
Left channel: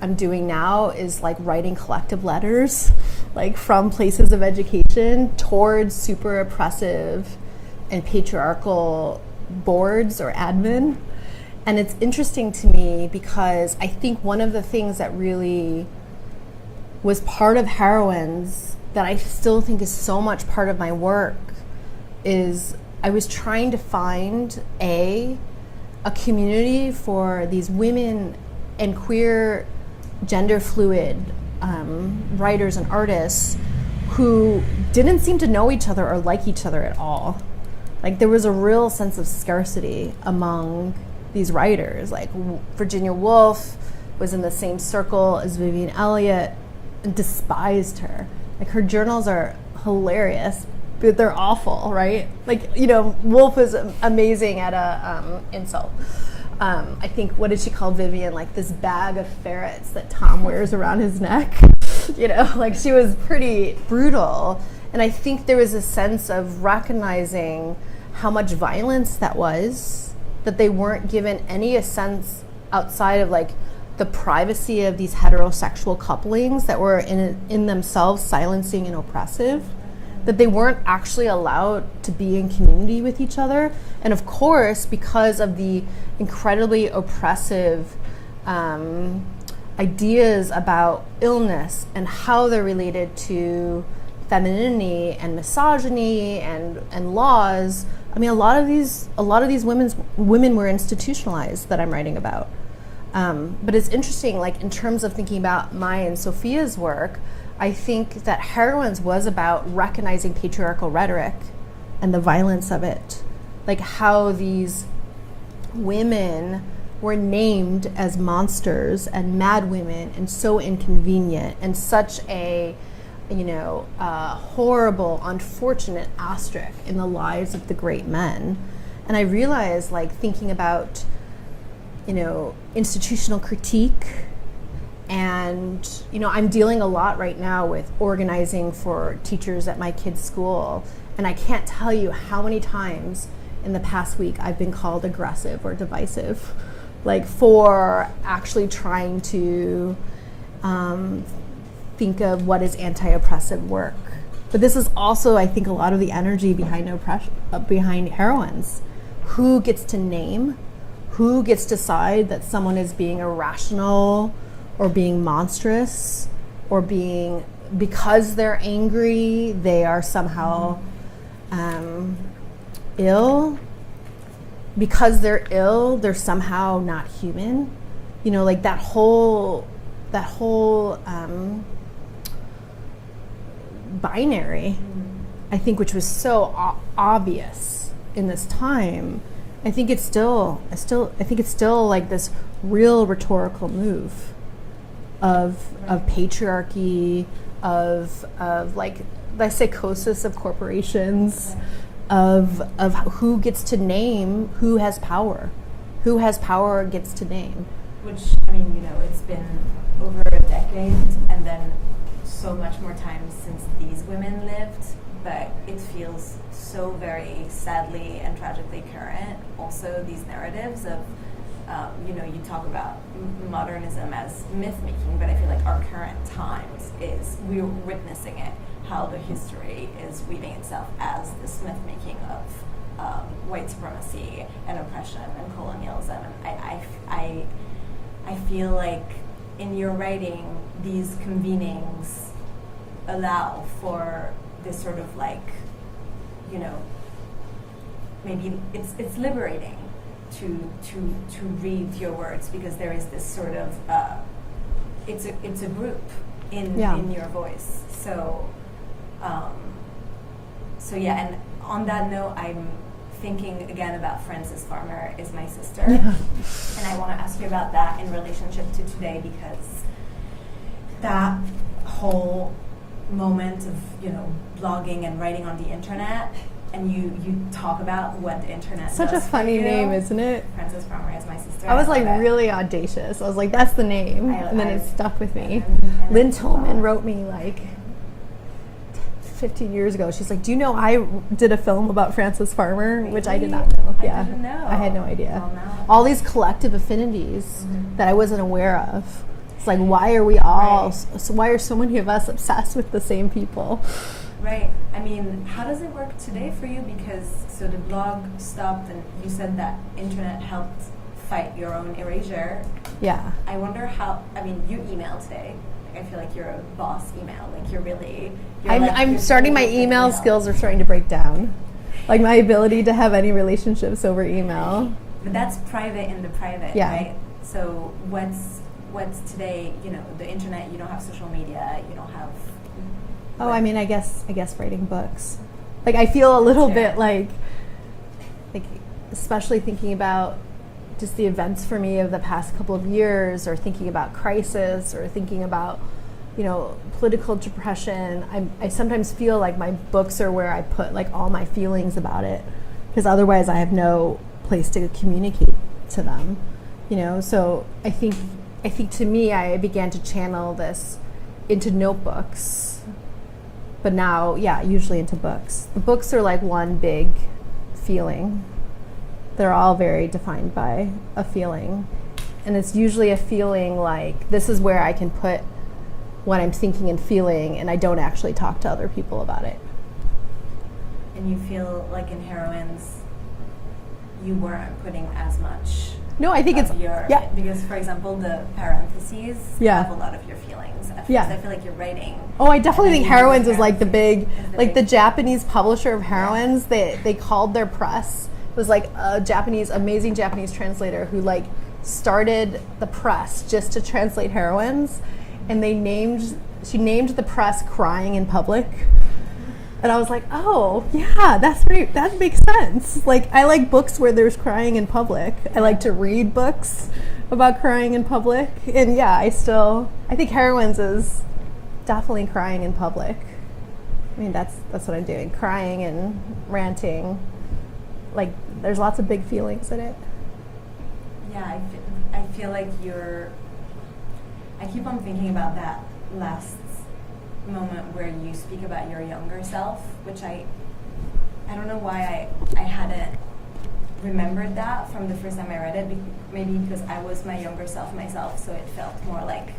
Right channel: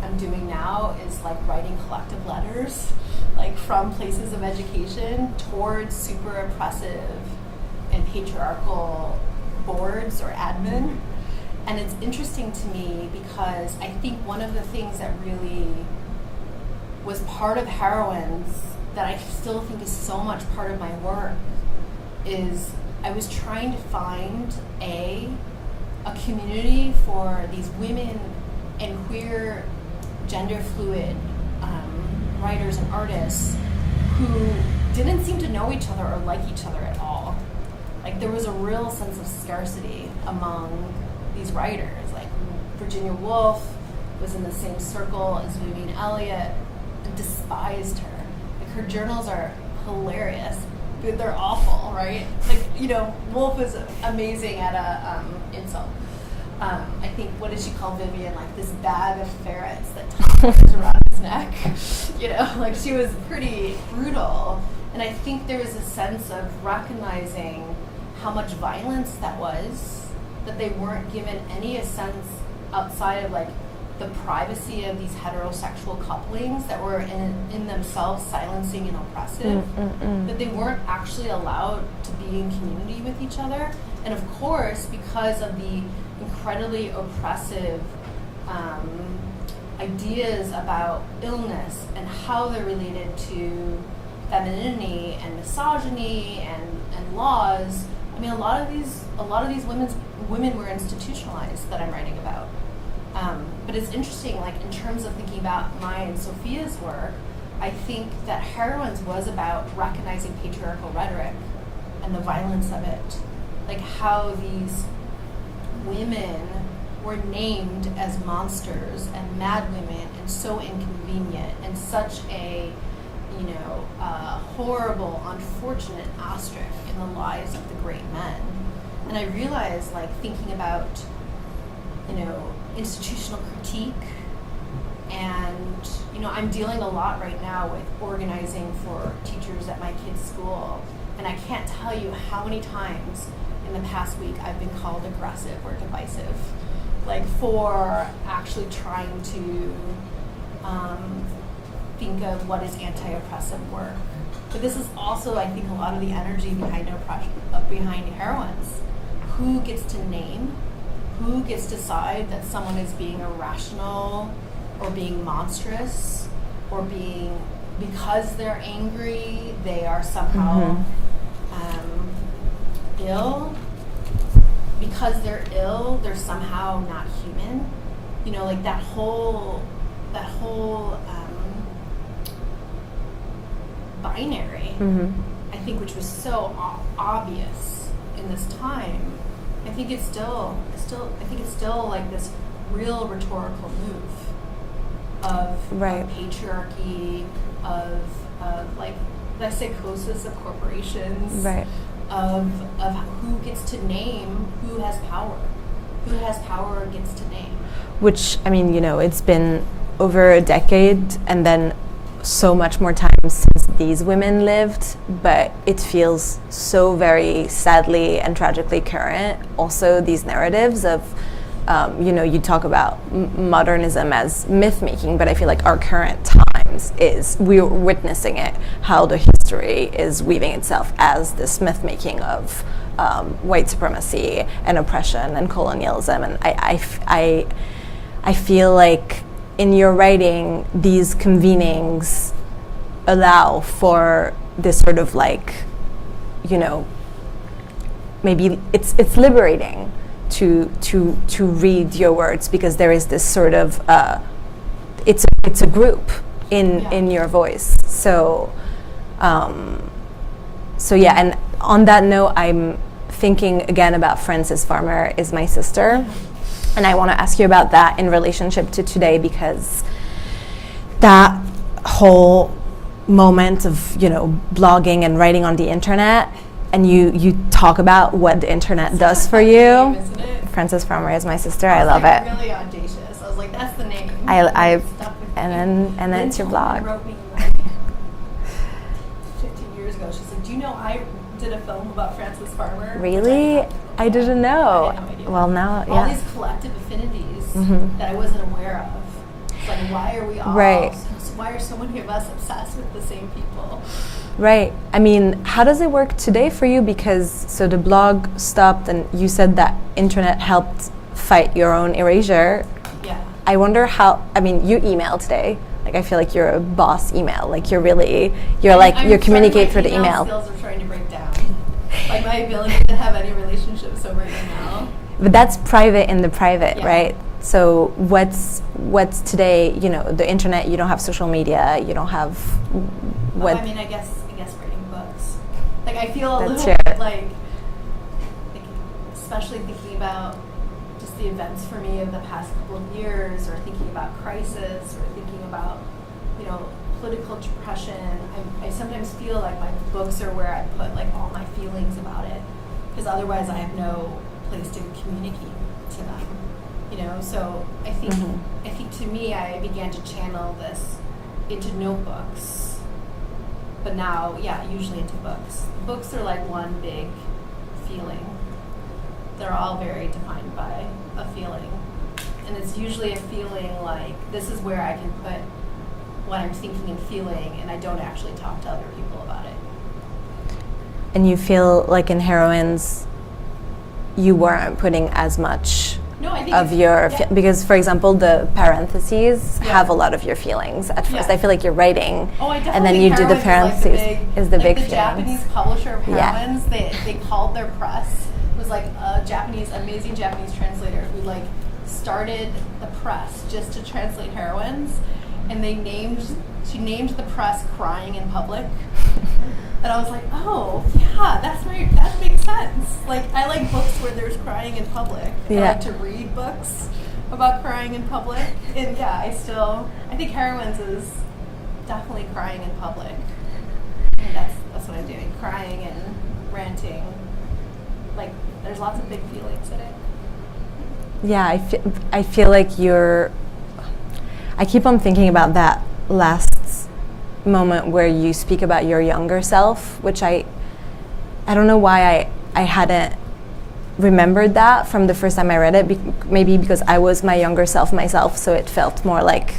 I'm doing now is like writing collective letters, like from places of education towards super oppressive and patriarchal boards or admin. And it's interesting to me because I think one of the things that really was part of Heroines that I still think is so much part of my work is I was trying to find a community for these women and queer gender fluid writers and artists who didn't seem to know each other or like each other at all. Like there was a real sense of scarcity among these writers. Like Virginia Woolf was in the same circle as Vivian Elliott and despised her. Like her journals are hilarious, but they're awful, right? Like, you know, Woolf is amazing at a insult. I think, what did she call Vivian? Like this bag of ferrets that Tom wears around his neck. You know, like she was pretty brutal. And I think there was a sense of recognizing how much violence that was, that they weren't given any sense outside of like the privacy of these heterosexual couplings that were in themselves silencing and oppressive, that they weren't actually allowed to be in community with each other. And of course, because of the incredibly oppressive ideas about illness and how they're related to femininity and misogyny and laws, I mean, a lot of these women were institutionalized that I'm writing about. But it's interesting, like in terms of thinking about my and Sophia's work, I think that Heroines was about recognizing patriarchal rhetoric and the violence of it. Like how these women were named as monsters and mad women and so inconvenient and such a, you know, horrible, unfortunate asterisk in the lives of the great men. And I realized, like, thinking about, you know, institutional critique, and, you know, I'm dealing a lot right now with organizing for teachers at my kids' school, and I can't tell you how many times in the past week I've been called aggressive or divisive, like for actually trying to think of what is anti-oppressive work. But this is also, I think, a lot of the energy behind behind Heroines. Who gets to name? Who gets to decide that someone is being irrational or being monstrous or being, because they're angry, they are somehow ill? Because they're ill, they're somehow not human? You know, like that whole binary, I think, which was so obvious in this time. I think it's still like this real rhetorical move of patriarchy, of like the psychosis of corporations, Right. of who gets to name, who has power gets to name. Which, I mean, you know, it's been over a decade, and then so much more time since these women lived, but it feels so very sadly and tragically current. Also, these narratives of, you talk about modernism as myth making, but I feel like our current times we're witnessing it, how the history is weaving itself as this myth making of white supremacy and oppression and colonialism. And I feel like in your writing, these convenings allow for this sort of like, maybe it's liberating to read your words, because there is this sort of it's a group in your voice. So yeah. And on that note, I'm thinking again about Frances Farmer Is My Sister. Yeah. And I want to ask you about that in relationship to today, because that whole moment of, blogging and writing on the internet, and you talk about what the internet does for you. Name, isn't it? Frances Farmer Is My Sister. I love it. Really audacious. I was like, that's the name. I stuck with me. And then Lynn it's your blog. wrote me like 50 years ago. She's like, do you know I did a film about Frances Farmer? Really? I didn't know. I had no idea. Well, now all these collective affinities that I wasn't aware of. It's like, why are we all? Right. So why are so many of us obsessed with the same people? Right. I mean, how does it work today for you? Because so the blog stopped, and you said that internet helped fight your own erasure. Yeah. I wonder how. I mean, you email today. Like, I feel like you're a boss email. Like, you're communicating through the email. My email skills are starting to break down. Like, my ability to have any relationships over email. But that's private in the private, yeah. right? So what's today? The internet. You don't have social media. You don't have. I guess writing books. Like, I feel a little bit like, especially thinking about just the events for me of the past couple of years, or thinking about crisis, or thinking about, political depression. I sometimes feel like my books are where I put like all my feelings about it, because otherwise I have no place to communicate to them. So I think to me, I began to channel this into notebooks, but now, usually into books. The books are like one big feeling. They're all very defined by a feeling. And it's usually a feeling like, this is where I can put what I'm thinking and feeling, and I don't actually talk to other people about it. And you feel like in Heroines, you weren't putting as much of your... because, for example, the parentheses have a lot of your feelings at first. I feel like you're writing. Oh, I definitely think Heroines is like the big... the feelings. Japanese publisher of Heroines, they called their press... It was like a amazing Japanese translator who like started the press just to translate Heroines, and she named the press Crying in Public. And I was like, oh yeah, that's right, that makes sense. Like, I like books where there's crying in public. I like to read books about crying in public. And I think Heroines is definitely crying in public. I mean, that's what I'm doing, crying and ranting. Like, there's lots of big feelings in it. Yeah, I feel like I keep on thinking about that last moment where you speak about your younger self, which I don't know why I hadn't remembered that from the first time I read it. Maybe because I was my younger self myself, so it felt more like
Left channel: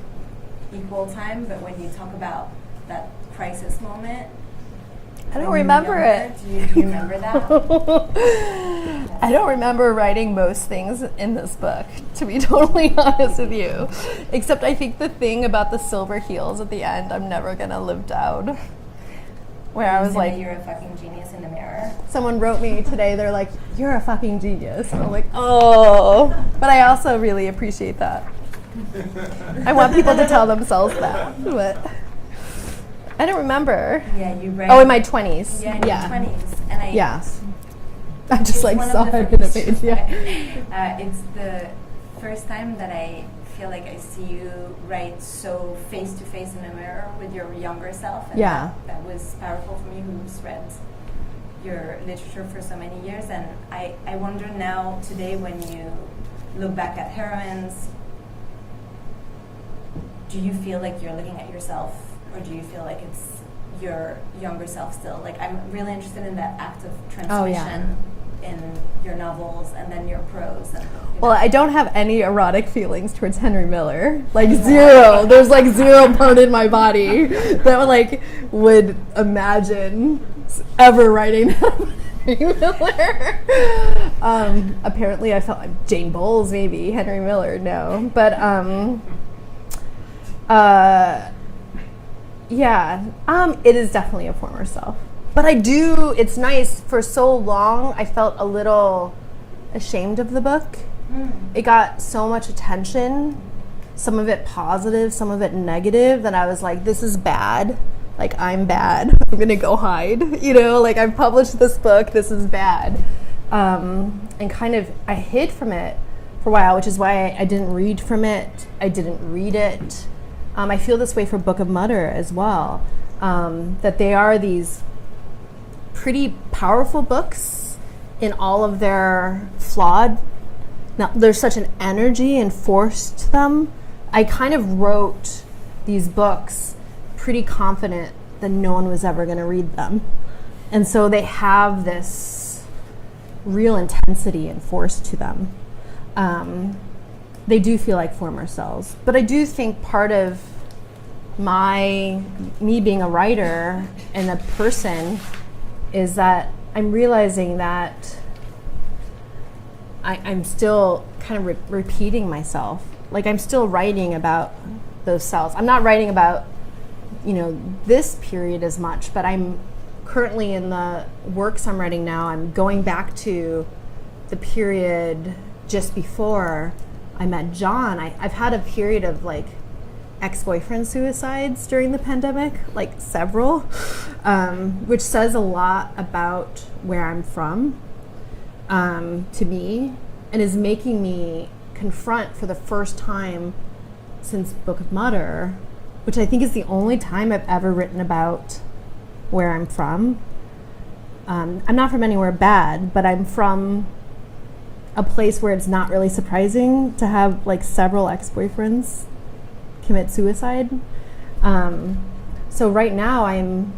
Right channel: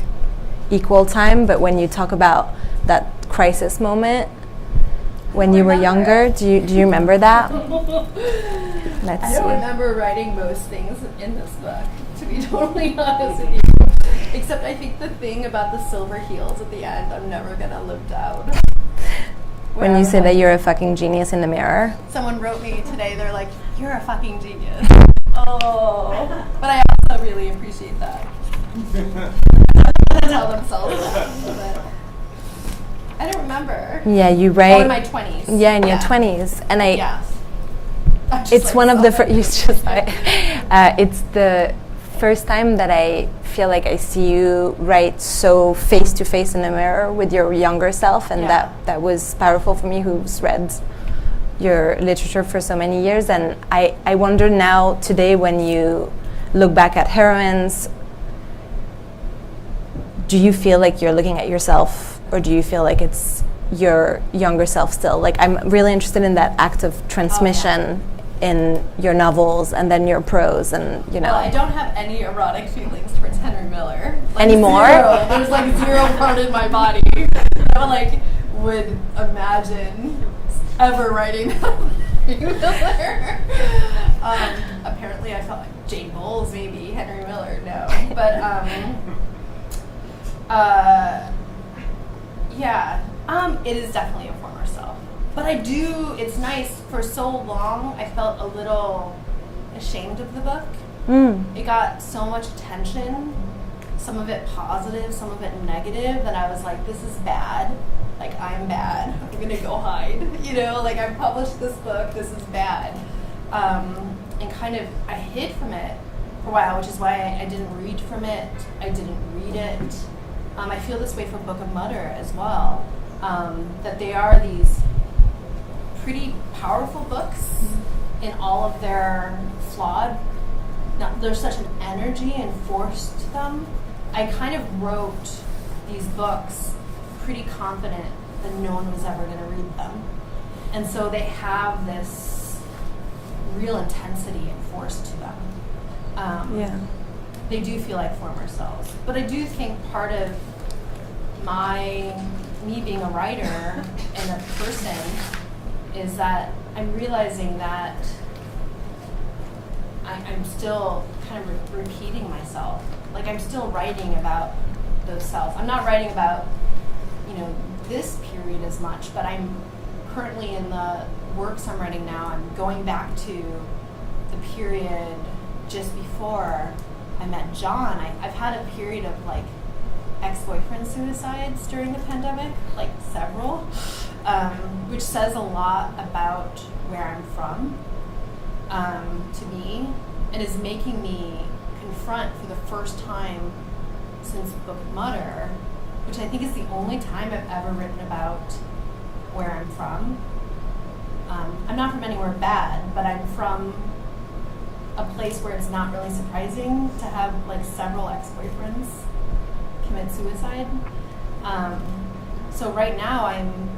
equal time. But when you talk about that crisis moment, when you were younger, do you remember that? I don't remember writing most things in this book, to be totally honest with you. Except I think the thing about the silver heels at the end, I'm never gonna live down. When you say that you're a fucking genius in the mirror. Someone wrote me today, they're like, you're a fucking genius. I'm like, oh. But I also really appreciate that. I want people to tell themselves that. But I don't remember. Yeah, you write. Oh, in my 20s. Yeah, in your 20s. And it's like one of the it's the first time that I feel like I see you write so face to face in the mirror with your younger self, and that was powerful for me, who's read your literature for so many years. And I wonder now today, when you look back at Heroines, do you feel like you're looking at yourself or do you feel like it's your younger self still? Like, I'm really interested in that act of transmission in your novels and then your prose, and Well, I don't have any erotic feelings towards Henry Miller. Like, Anymore? Zero. There's like zero part in my body that would imagine ever writing Henry Miller. Apparently, I felt like Jane Bowles, maybe Henry Miller. No, but it is definitely a former self. But it's nice, for so long I felt a little ashamed of the book. It got so much attention, some of it positive, some of it negative, that I was like, this is bad. Like, I'm bad. I'm gonna go hide. I've published this book, this is bad. And kind of, I hid from it for a while, which is why I didn't read from it. I didn't read it. I feel this way for Book of Mutter as well. That they are these pretty powerful books in all of their flawed. Now, there's such an energy and force to them. I kind of wrote these books pretty confident that no one was ever going to read them. And so they have this real intensity and force to them. They do feel like former selves. But I do think part of me being a writer and a person is that I'm realizing that I'm still kind of repeating myself. Like, I'm still writing about those selves. I'm not writing about, this period as much, but I'm currently in the works I'm writing now. I'm going back to the period just before I met John. I've had a period of ex-boyfriend suicides during the pandemic, several, which says a lot about where I'm from, to me, and is making me confront for the first time since Book of Mutter, which I think is the only time I've ever written about where I'm from. I'm not from anywhere bad, but I'm from a place where it's not really surprising to have several ex-boyfriends commit suicide. So right now I'm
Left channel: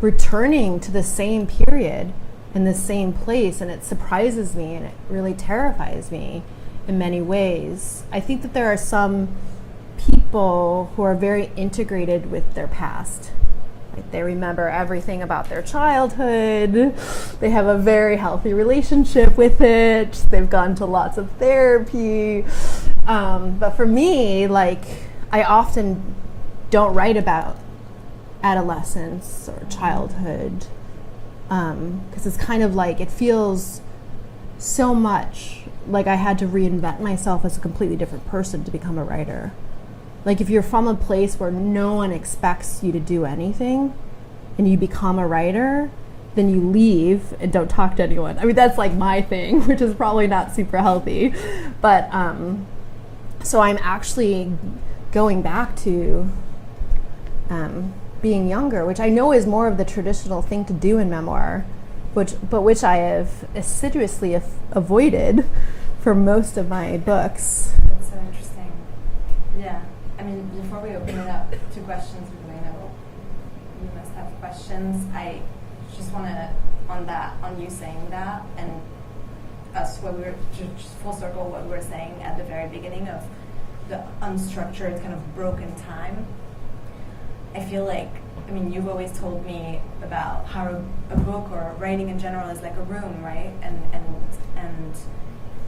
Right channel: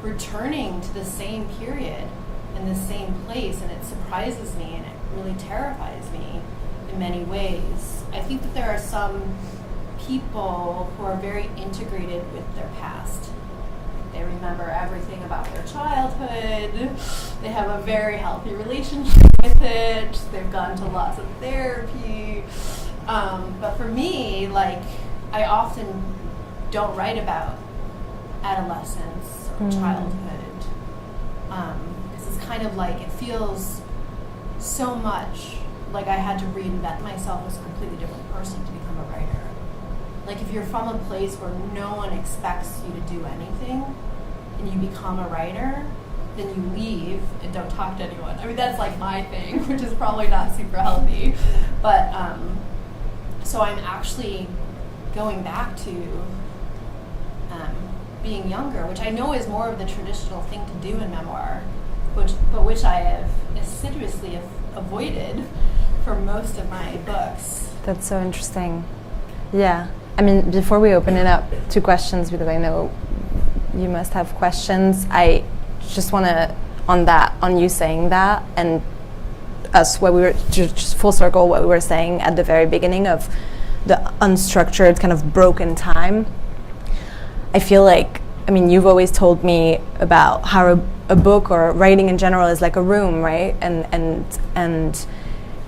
returning to the same period in the same place, and it surprises me and it really terrifies me in many ways. I think that there are some people who are very integrated with their past. They remember everything about their childhood. They have a very healthy relationship with it. They've gone to lots of therapy. But for me, I often don't write about adolescence or childhood, because it's kind of it feels so much like I had to reinvent myself as a completely different person to become a writer. If you're from a place where no one expects you to do anything and you become a writer, then you leave and don't talk to anyone. I mean, that's my thing, which is probably not super healthy. But so I'm actually going back to being younger, which I know is more of the traditional thing to do in memoir, which I have assiduously avoided for most of my books. That's so interesting. Yeah. I mean, before we open it up to questions, because I know you must have questions, I just want to, on you saying that, and what we were, just full circle, what we were saying at the very beginning of the unstructured, kind of broken time. I feel you've always told me about how a book or writing in general is like a room, right? And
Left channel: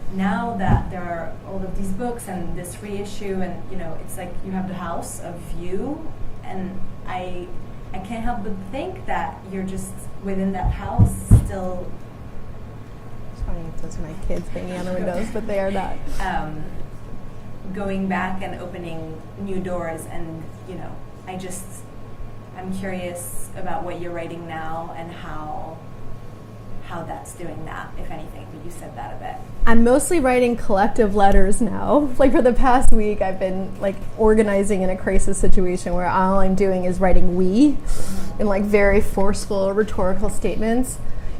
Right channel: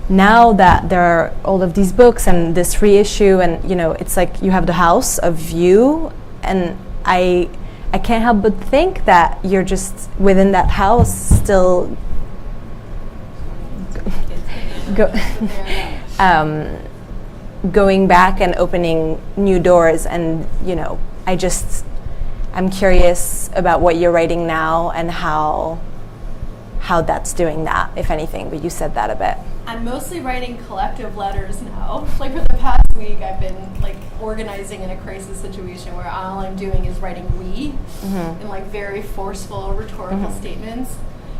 now that there are all of these books and this reissue, and it's you have the house of you, and I can't help but think that you're just within that house still going back and opening new doors. And I'm curious about what you're writing now and how that's doing that, if anything, but you said that a bit. I'm mostly writing collective letters now. For the past week, I've been organizing in a crisis situation where all I'm doing is writing "we" in very forceful rhetorical statements.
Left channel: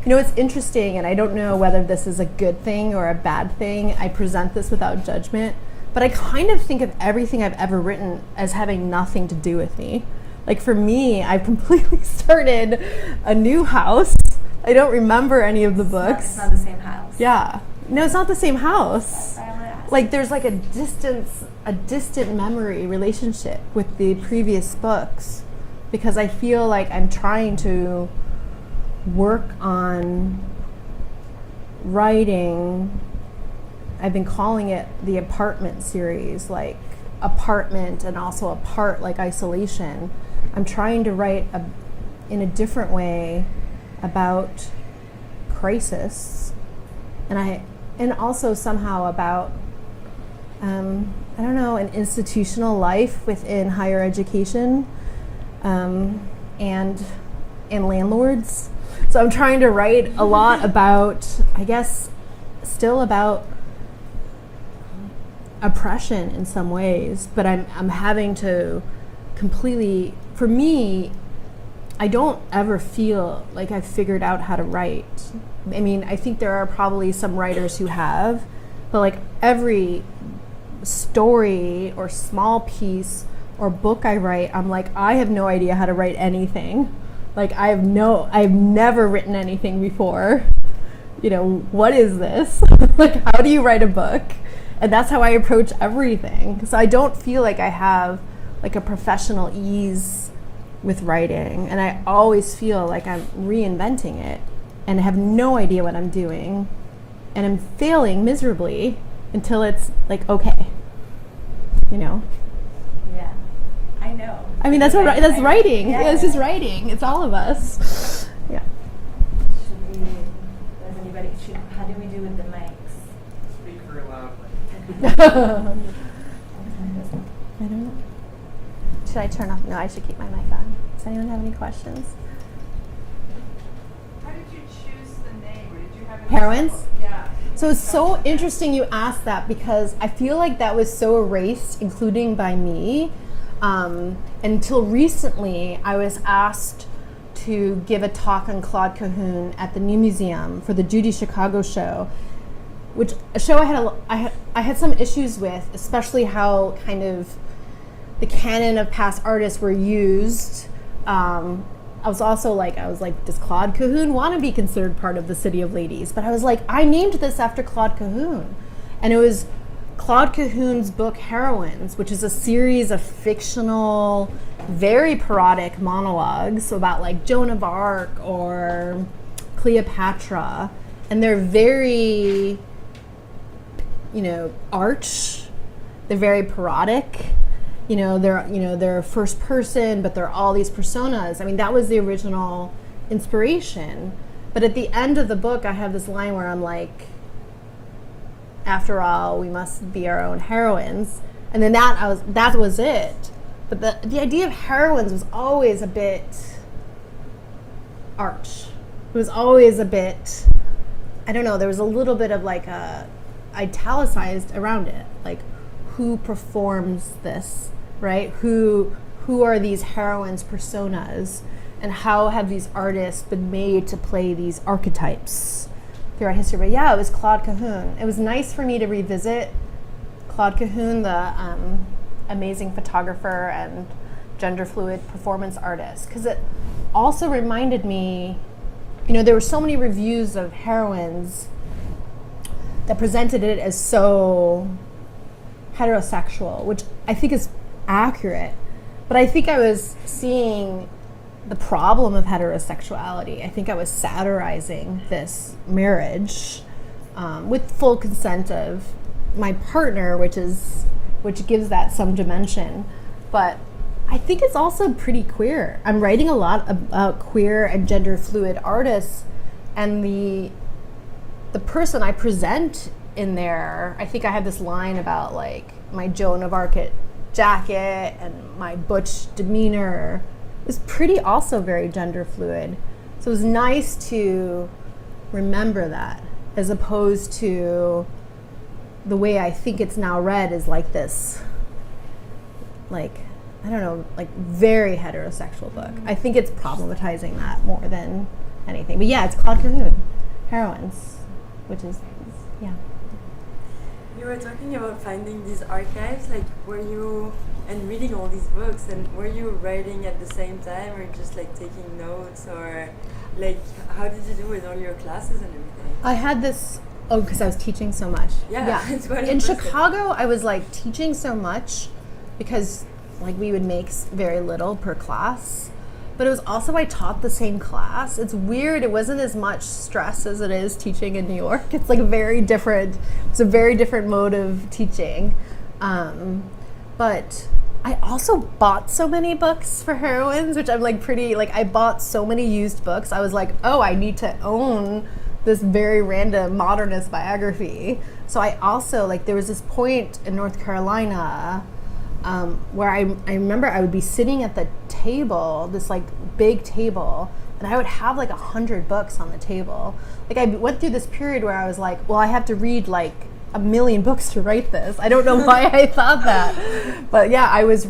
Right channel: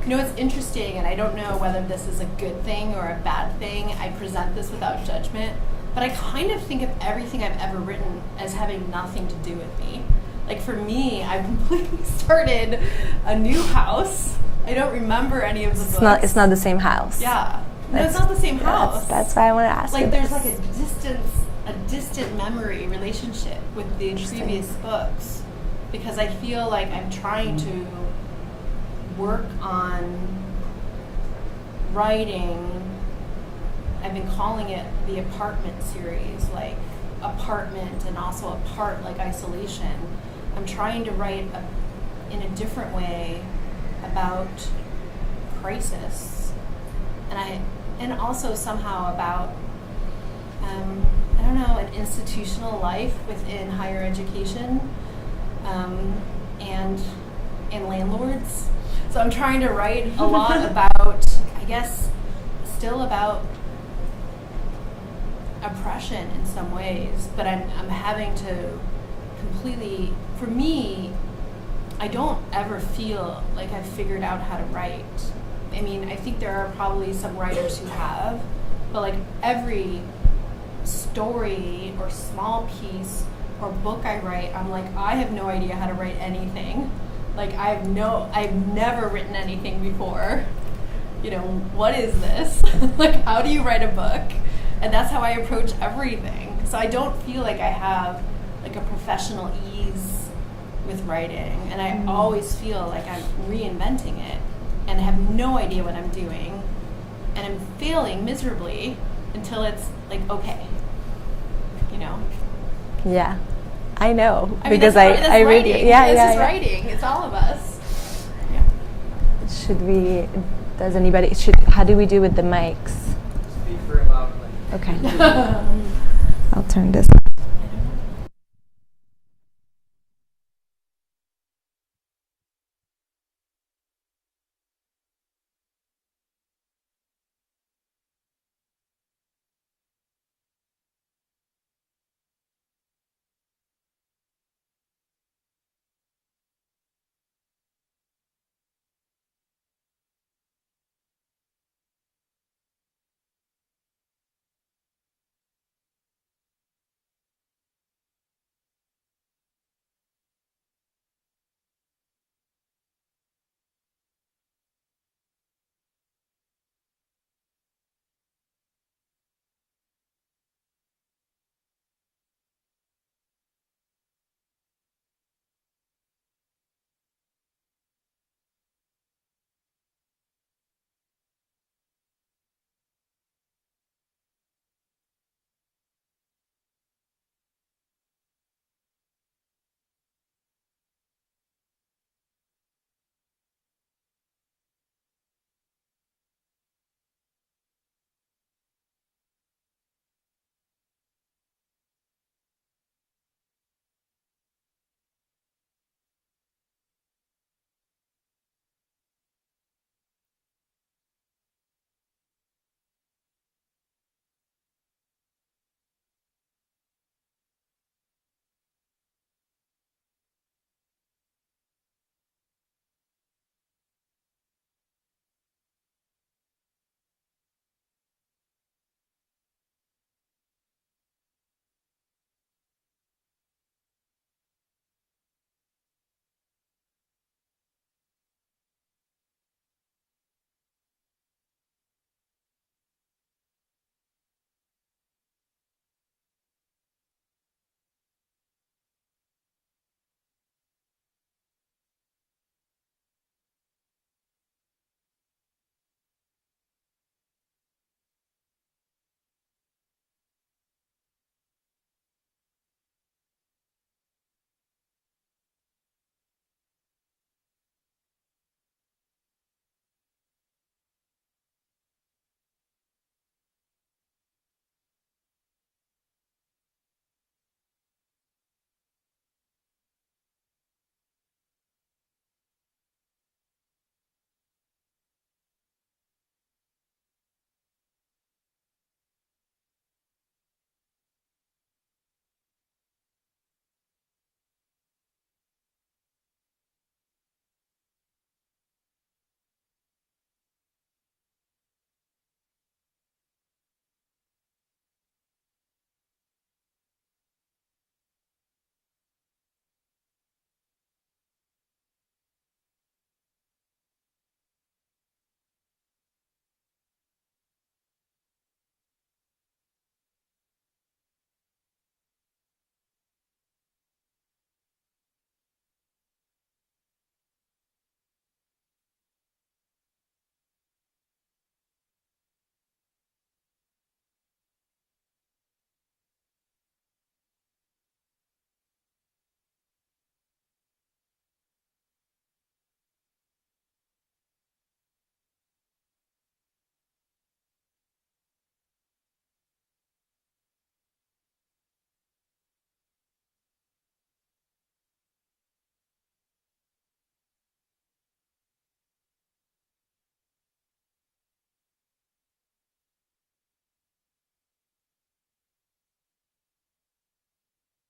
It's interesting, and I don't know whether this is a good thing or a bad thing. I present this without judgment, but I kind of think of everything I've ever written as having nothing to do with me. Like for me, I've completely started a new house. I don't remember any of the books. It's not the same house. Yeah. No, it's not the same house. That's why I want to ask. Like there's like a distant memory relationship with the previous books, because I feel like I'm trying to work on writing. I've been calling it the apartment series, like apartment and also apart, like isolation. I'm trying to write in a different way about crisis, and also somehow about I don't know, an institutional life within higher education, and landlords. So I'm trying to write a lot about, I guess, still about oppression in some ways, but I'm having to completely, for me, I don't ever feel like I've figured out how to write. I mean, I think there are probably some writers who have, but like every story or small piece or book I write, I'm like, I have no idea how to write anything. Like I've never written anything before. You know, what is this? Like, how do you write a book? And that's how I approach everything. So I don't feel like I have like a professional ease with writing, and I always feel like I'm reinventing it and have no idea what I'm doing, and I'm failing miserably until it's like, okay, you know? Yeah, I know. I mean, that's writing. Yeah, this is yeah. writing. It's all of us. Yeah. How do we do with the mics? Speak very loudly. Okay. I'll turn this up. I don't know. Should I turn off? No, I should keep my mic on. Does anyone have any questions? How did you choose the name? Or did you have Heroines? Yeah. So it's so interesting you asked that, because I feel like that was so erased, including by me. Until recently, I was asked to give a talk on Claude Cahun at the New Museum for the Judy Chicago show, which a show I had some issues with, especially how kind of the canon of past artists were used. I was like, does Claude Cahun want to be considered part of the City of Ladies? But I was like, I named this after Claude Cahun. And it was Claude Cahun's book Heroines, which is a series of fictional, very parodic monologues about like Joan of Arc or Cleopatra. And they're very, arch. They're very parodic. They're first person, but they're all these personas. I mean, that was the original inspiration. But at the end of the book, I have this line where I'm like, after all, we must be our own heroines. And then that was it. But the idea of heroines was always a bit arch. It was always a bit, I don't know, there was a little bit of like a italicized around it. Like, who performs this, right? Who are these heroines' personas, and how have these artists been made to play these archetypes throughout history? But yeah, it was Claude Cahun. It was nice for me to revisit Claude Cahun, the amazing photographer and gender fluid performance artist, because it also reminded me, there were so many reviews of Heroines that presented it as so heterosexual, which I think is accurate. But I think I was seeing the problem of heterosexuality. I think I was satirizing this marriage with full consent of my partner, which gives that some dimension. But I think it's also pretty queer. I'm writing a lot about queer and gender fluid artists, and the person I present in there, I think I have this line about like my Joan of Arc jacket and my butch demeanor is pretty also very gender fluid. So it was nice to remember that, as opposed to the way I think it's now read is like this, like, I don't know, like very heterosexual book. I think it's problematizing that more than anything. But yeah, it's Claude Cahun, Heroines, which is, yeah. You were talking about finding these archives, like were you and reading all these books. And were you writing at the same time, or just like taking notes, or like how did you do with all your classes and everything? I had this. Oh, because I was teaching so much. Yeah, it's quite In impressive. Chicago, I was like teaching so much because like we would make very little per class. But it was also I taught the same class. It's weird. It wasn't as much stress as it is teaching in New York. It's like a very different mode of teaching. But I also bought so many books for Heroines, which I'm like I bought so many used books. I was like, oh, I need to own this very random modernist biography. So I also, like, there was this point in North Carolina where I remember I would be sitting at the table, this like big table, and I would have like 100 books on the table. Like I went through this period where I was like, well, I have to read like 1 million books to write this. I don't know why I thought that. But yeah, I was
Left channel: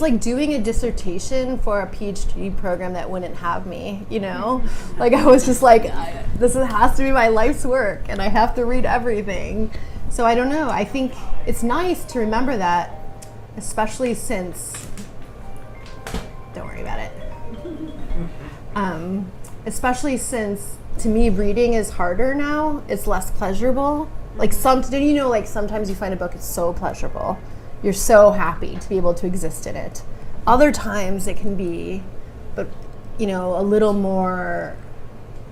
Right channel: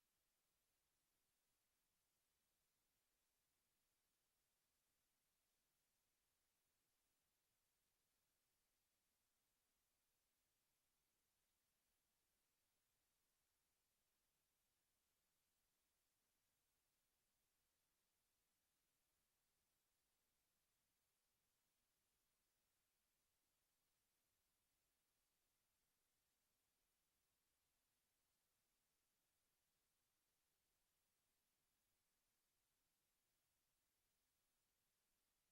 like doing a dissertation for a PhD program that wouldn't have me, you know? Like I was just like, this has to be my life's work and I have to read everything. So I don't know. I think it's nice to remember that, especially since, don't worry about it. Especially since to me reading is harder now. It's less pleasurable. Like sometimes you find a book it's so pleasurable. You're so happy to be able to exist in it. Other times it can be, but a little more,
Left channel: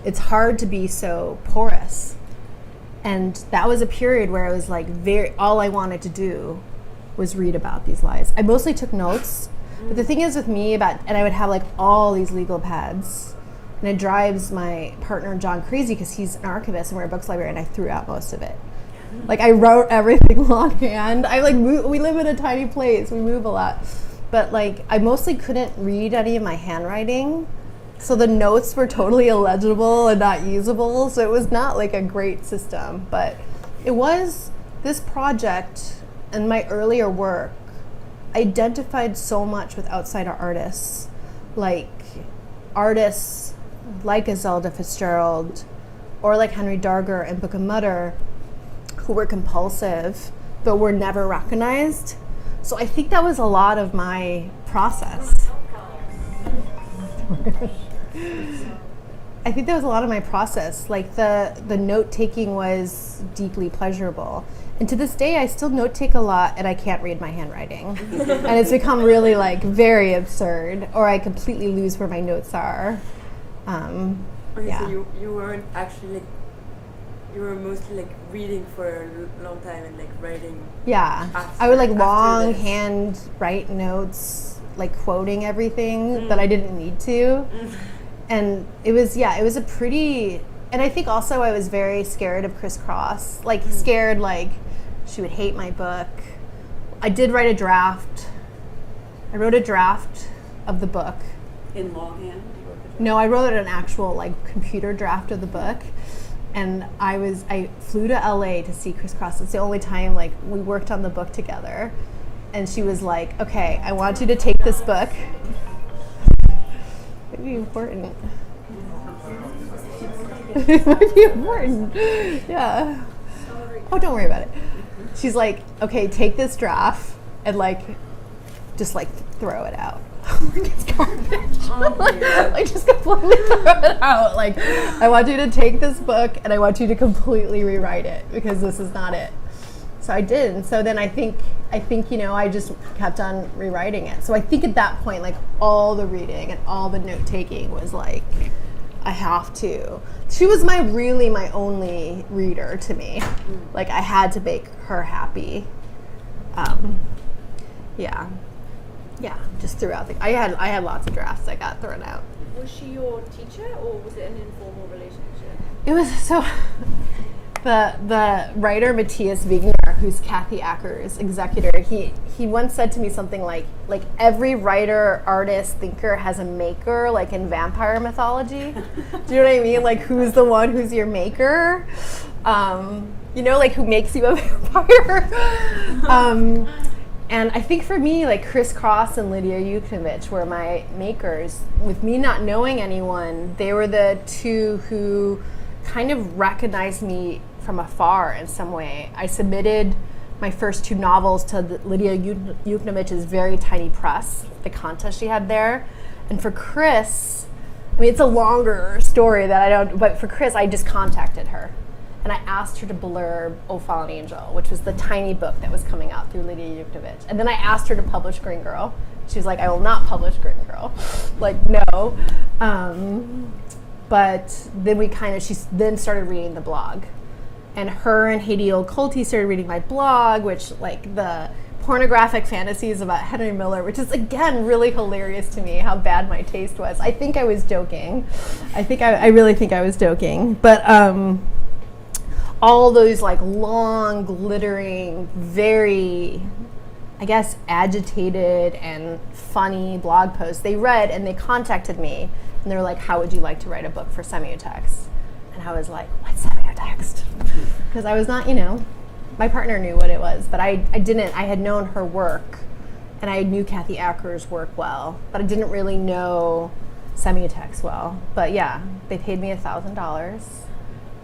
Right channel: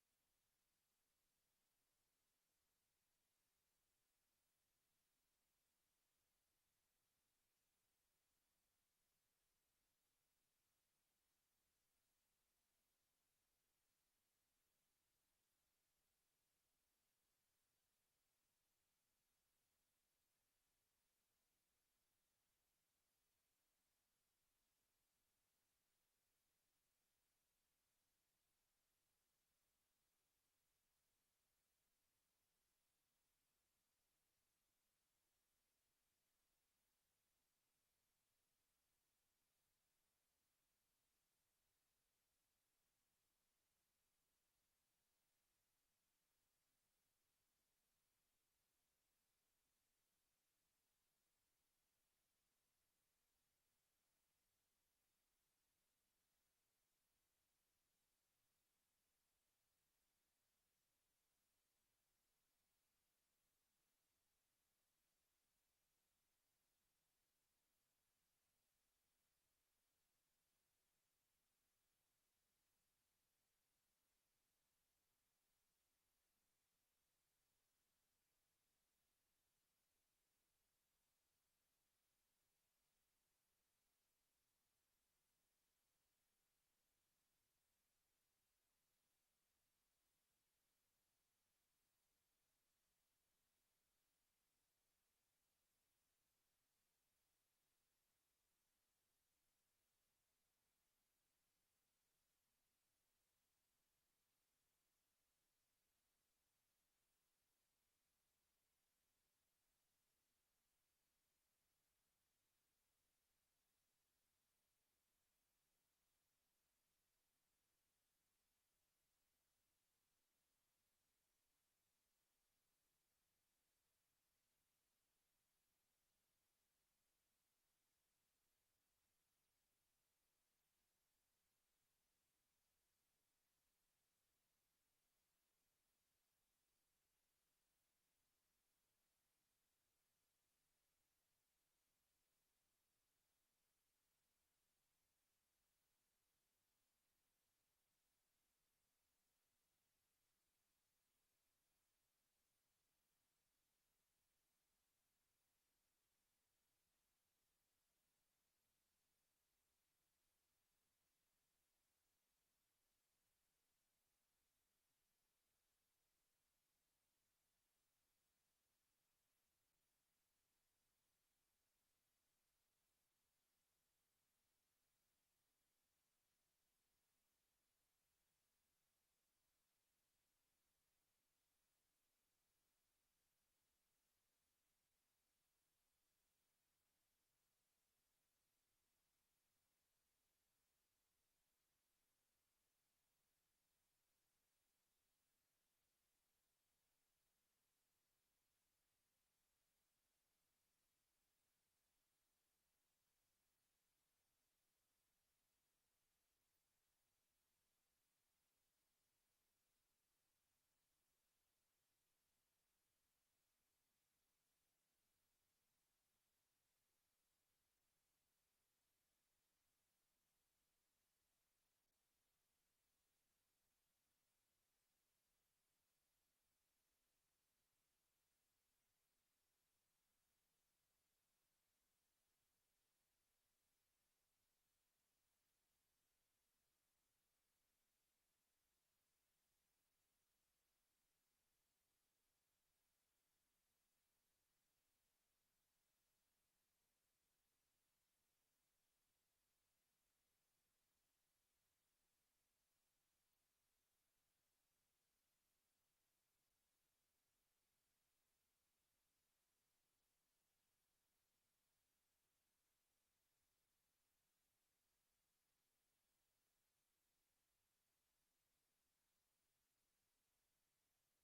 it's hard to be so porous. And that was a period where I was like all I wanted to do was read about these lies. I mostly took notes, but the thing is with me and I would have like all these legal pads, and it drives my partner John crazy because he's an archivist and we're a books library, and I threw out most of it. Like I wrote everything longhand. We live in a tiny place. We move a lot, but like I mostly couldn't read any of my handwriting, so the notes were totally illegible and not usable. So it was not like a great system, but it was this project and my earlier work identified so much with outsider artists, like a Zelda Fitzgerald or like Henry Darger and Book of Mutter, who were compulsive but were never recognized. So I think that was a lot of my process. Like the note taking was deeply pleasurable. And to this day, I still note take a lot, and I can't read my handwriting. And it's become really like very absurd, or I completely lose where my notes are. Okay, Yeah. so you weren't actually like, you were mostly like reading for a long time and like writing. Yeah, I would like longhand write notes, like quoting everything that I didn't need to. And it was a pretty, and I think also I was very scared of Criss Cross, like scared like she would hate my book. I did write a draft. I wrote a draft of the book. In longhand? No, I wrote an actual like computer draft of the book. And I flew to LA to see Criss Cross. It's the only time like we worked on the book together. And she was like, okay, I want you to take this book. It'd be important. It might be important. Yeah. Oh, don't worry about it. She's like, okay, take this draft and like, just like throw it out. Like it's garbage. Like just completely throw it out. Like, I want you to take this book and I want you to completely rewrite it because this is not it. So I did. And so then I think I just kept on rewriting it. So I think at that point, like all the reading and all the note taking was like, I have to. She was my only reader to me. Like I had to make her happy. Yeah, just throughout I had lots of drafts that got thrown out. Was she your teacher, or was it an informal relationship? It was so. The writer Matthias Wigner, who's Kathy Acker's executor, he once said to me something like every writer, artist, thinker has a maker, like in vampire mythology. Do you know what I mean? Like who's the one who's your maker? Like who makes you a vampire? And I think for me, like Criss Cross and Lydia Yuknovich were my makers. With me not knowing anyone, they were the two who kind of recognized me from afar in some way. I submitted my first 2 novels to Lydia Yuknovich's very tiny press, the contest she had there. And for Chris, I mean, it's a longer story that I don't, but for Chris, I just contacted her. And I asked her to blurb O Fallen Angel, which was the tiny book that was coming out through Lydia Yuknovich. And then I asked her to publish Green Girl. She was like, I will not publish Green Girl. Like, no. But then she then started reading the blog. And her and Haiti Old-Colty started reading my blog, which, like, the pornographic fantasies about Henry Miller, which is, again, really hilarious to me, how bad my taste was. I think I was joking. I really think I was joking. But all those, like, long, glittering, very, I guess, agitated and funny blog posts, they read and they contacted me. And they were like, how would you like to write a book for semiotext? And I was like, what's semiotext? Because I was not, my partner knew what it was, but I didn't. I had known her work, and I knew Kathy Acker's work well, but I didn't really know semiotext well. But yeah, they paid me $1,000. It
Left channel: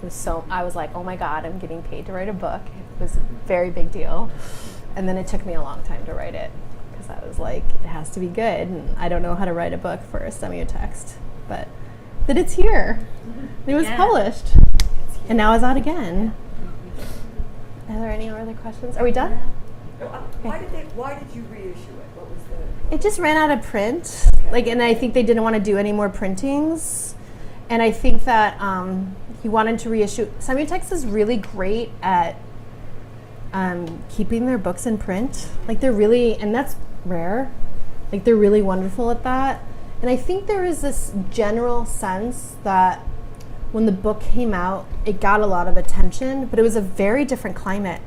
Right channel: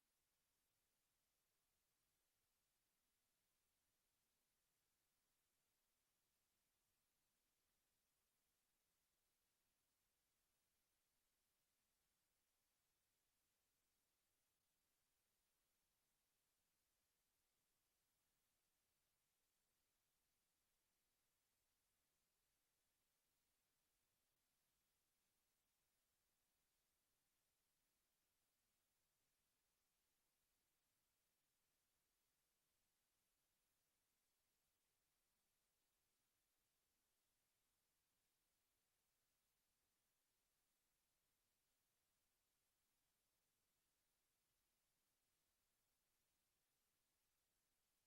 was I was like, oh my God, I'm getting paid to write a book. It was a very big deal. And then it took me a long time to write it, because I was like, it has to be good, and I don't know how to write a book for a semiotext. But it's here. It was published. And now it's out again. Are there any other questions? Are we done? Why did you reissue it? What was the? It just ran out of print. And I think they didn't want to do any more printings. And I think that he wanted to reissue. Semiotext is really great at keeping their books in print. Like, they're really, and that's rare. Like, they're really wonderful at that. And I think there is this general sense that when the book came out, it got a lot of attention, but it was a very different climate.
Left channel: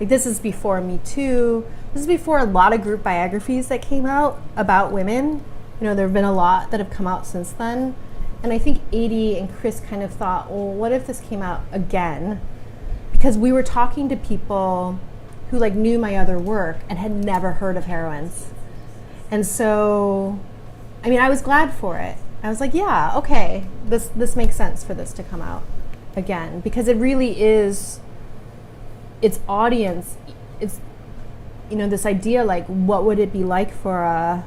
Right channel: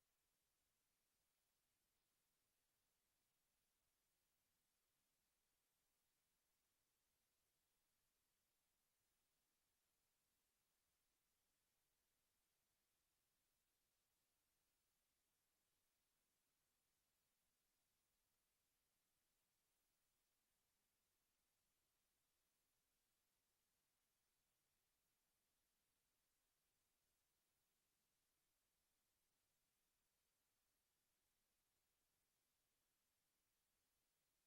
Like, this is before Me Too. This is before a lot of group biographies that came out about women. There have been a lot that have come out since then. And I think Adie and Chris kind of thought, well, what if this came out again? Because we were talking to people who, like, knew my other work and had never heard of Heroines. And so, I mean, I was glad for it. I was like, yeah, okay, this makes sense for this to come out again, because it really is, its audience, it's, this idea, like, what would it be like for a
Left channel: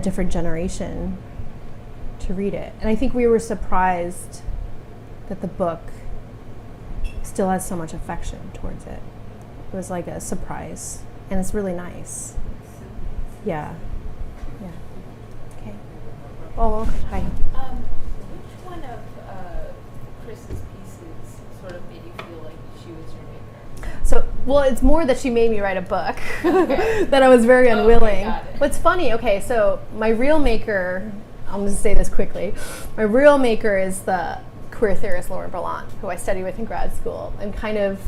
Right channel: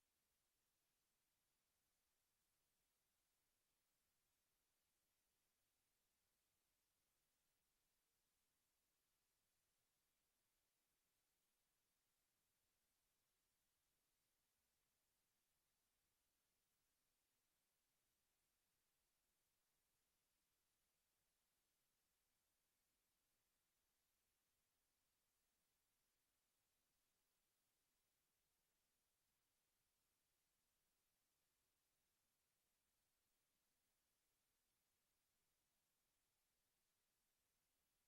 different generation to read it? And I think we were surprised that the book still has so much affection towards it. It was like a surprise, and it's really nice. Yeah. Oh, hi. Which one of Chris's pieces sort of made you feel like she was your maker? So, well, it's more that she made me write a book that I was very unwilling. Got it. What's funny, so my real maker, I'm going to say this quickly, my real maker is the queer theorist Laura Berlant, who I studied with in grad school, and kind of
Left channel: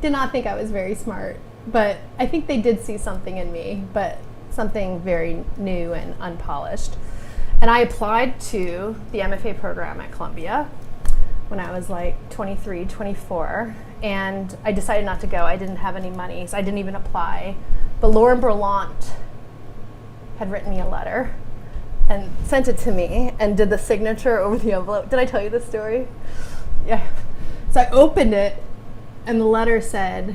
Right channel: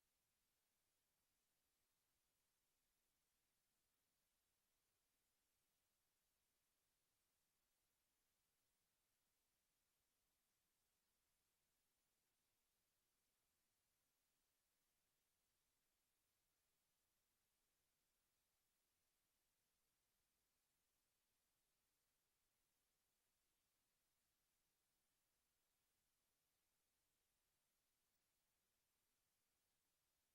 did not think I was very smart, but I think they did see something in me, but something very new and unpolished. And I applied to the MFA program at Columbia when I was like 23, 24, and I decided not to go. I didn't have any money, so I didn't even apply. But Laura Berlant had written me a letter and sent it to me and did the signature over the envelope. Did I tell you this story? Yeah. So I opened it, and the letter said,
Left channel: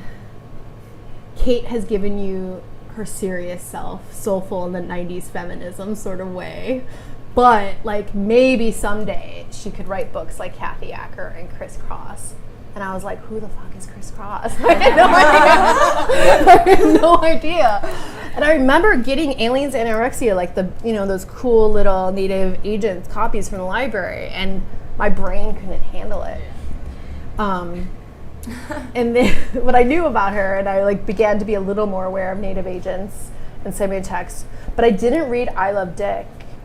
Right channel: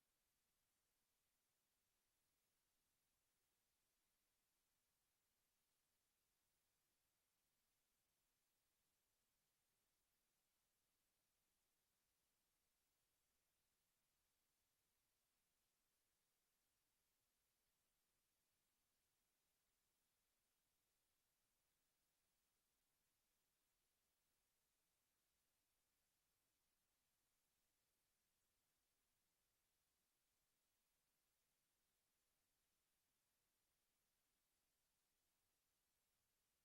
Kate has given you her serious self, soulful in the 90s feminism sort of way. But, like, maybe someday she could write books like Kathy Acker and Chris Cross. And I was like, who the fuck is Chris Cross? I had no idea. I had no idea. And I remember getting Aliens Anorexia, like those cool little Native Agents copies from the library, and my brain couldn't handle it. And then what I knew about her, and I began to be a little more aware of Native Agents and semiotext, but I didn't read I Love Dick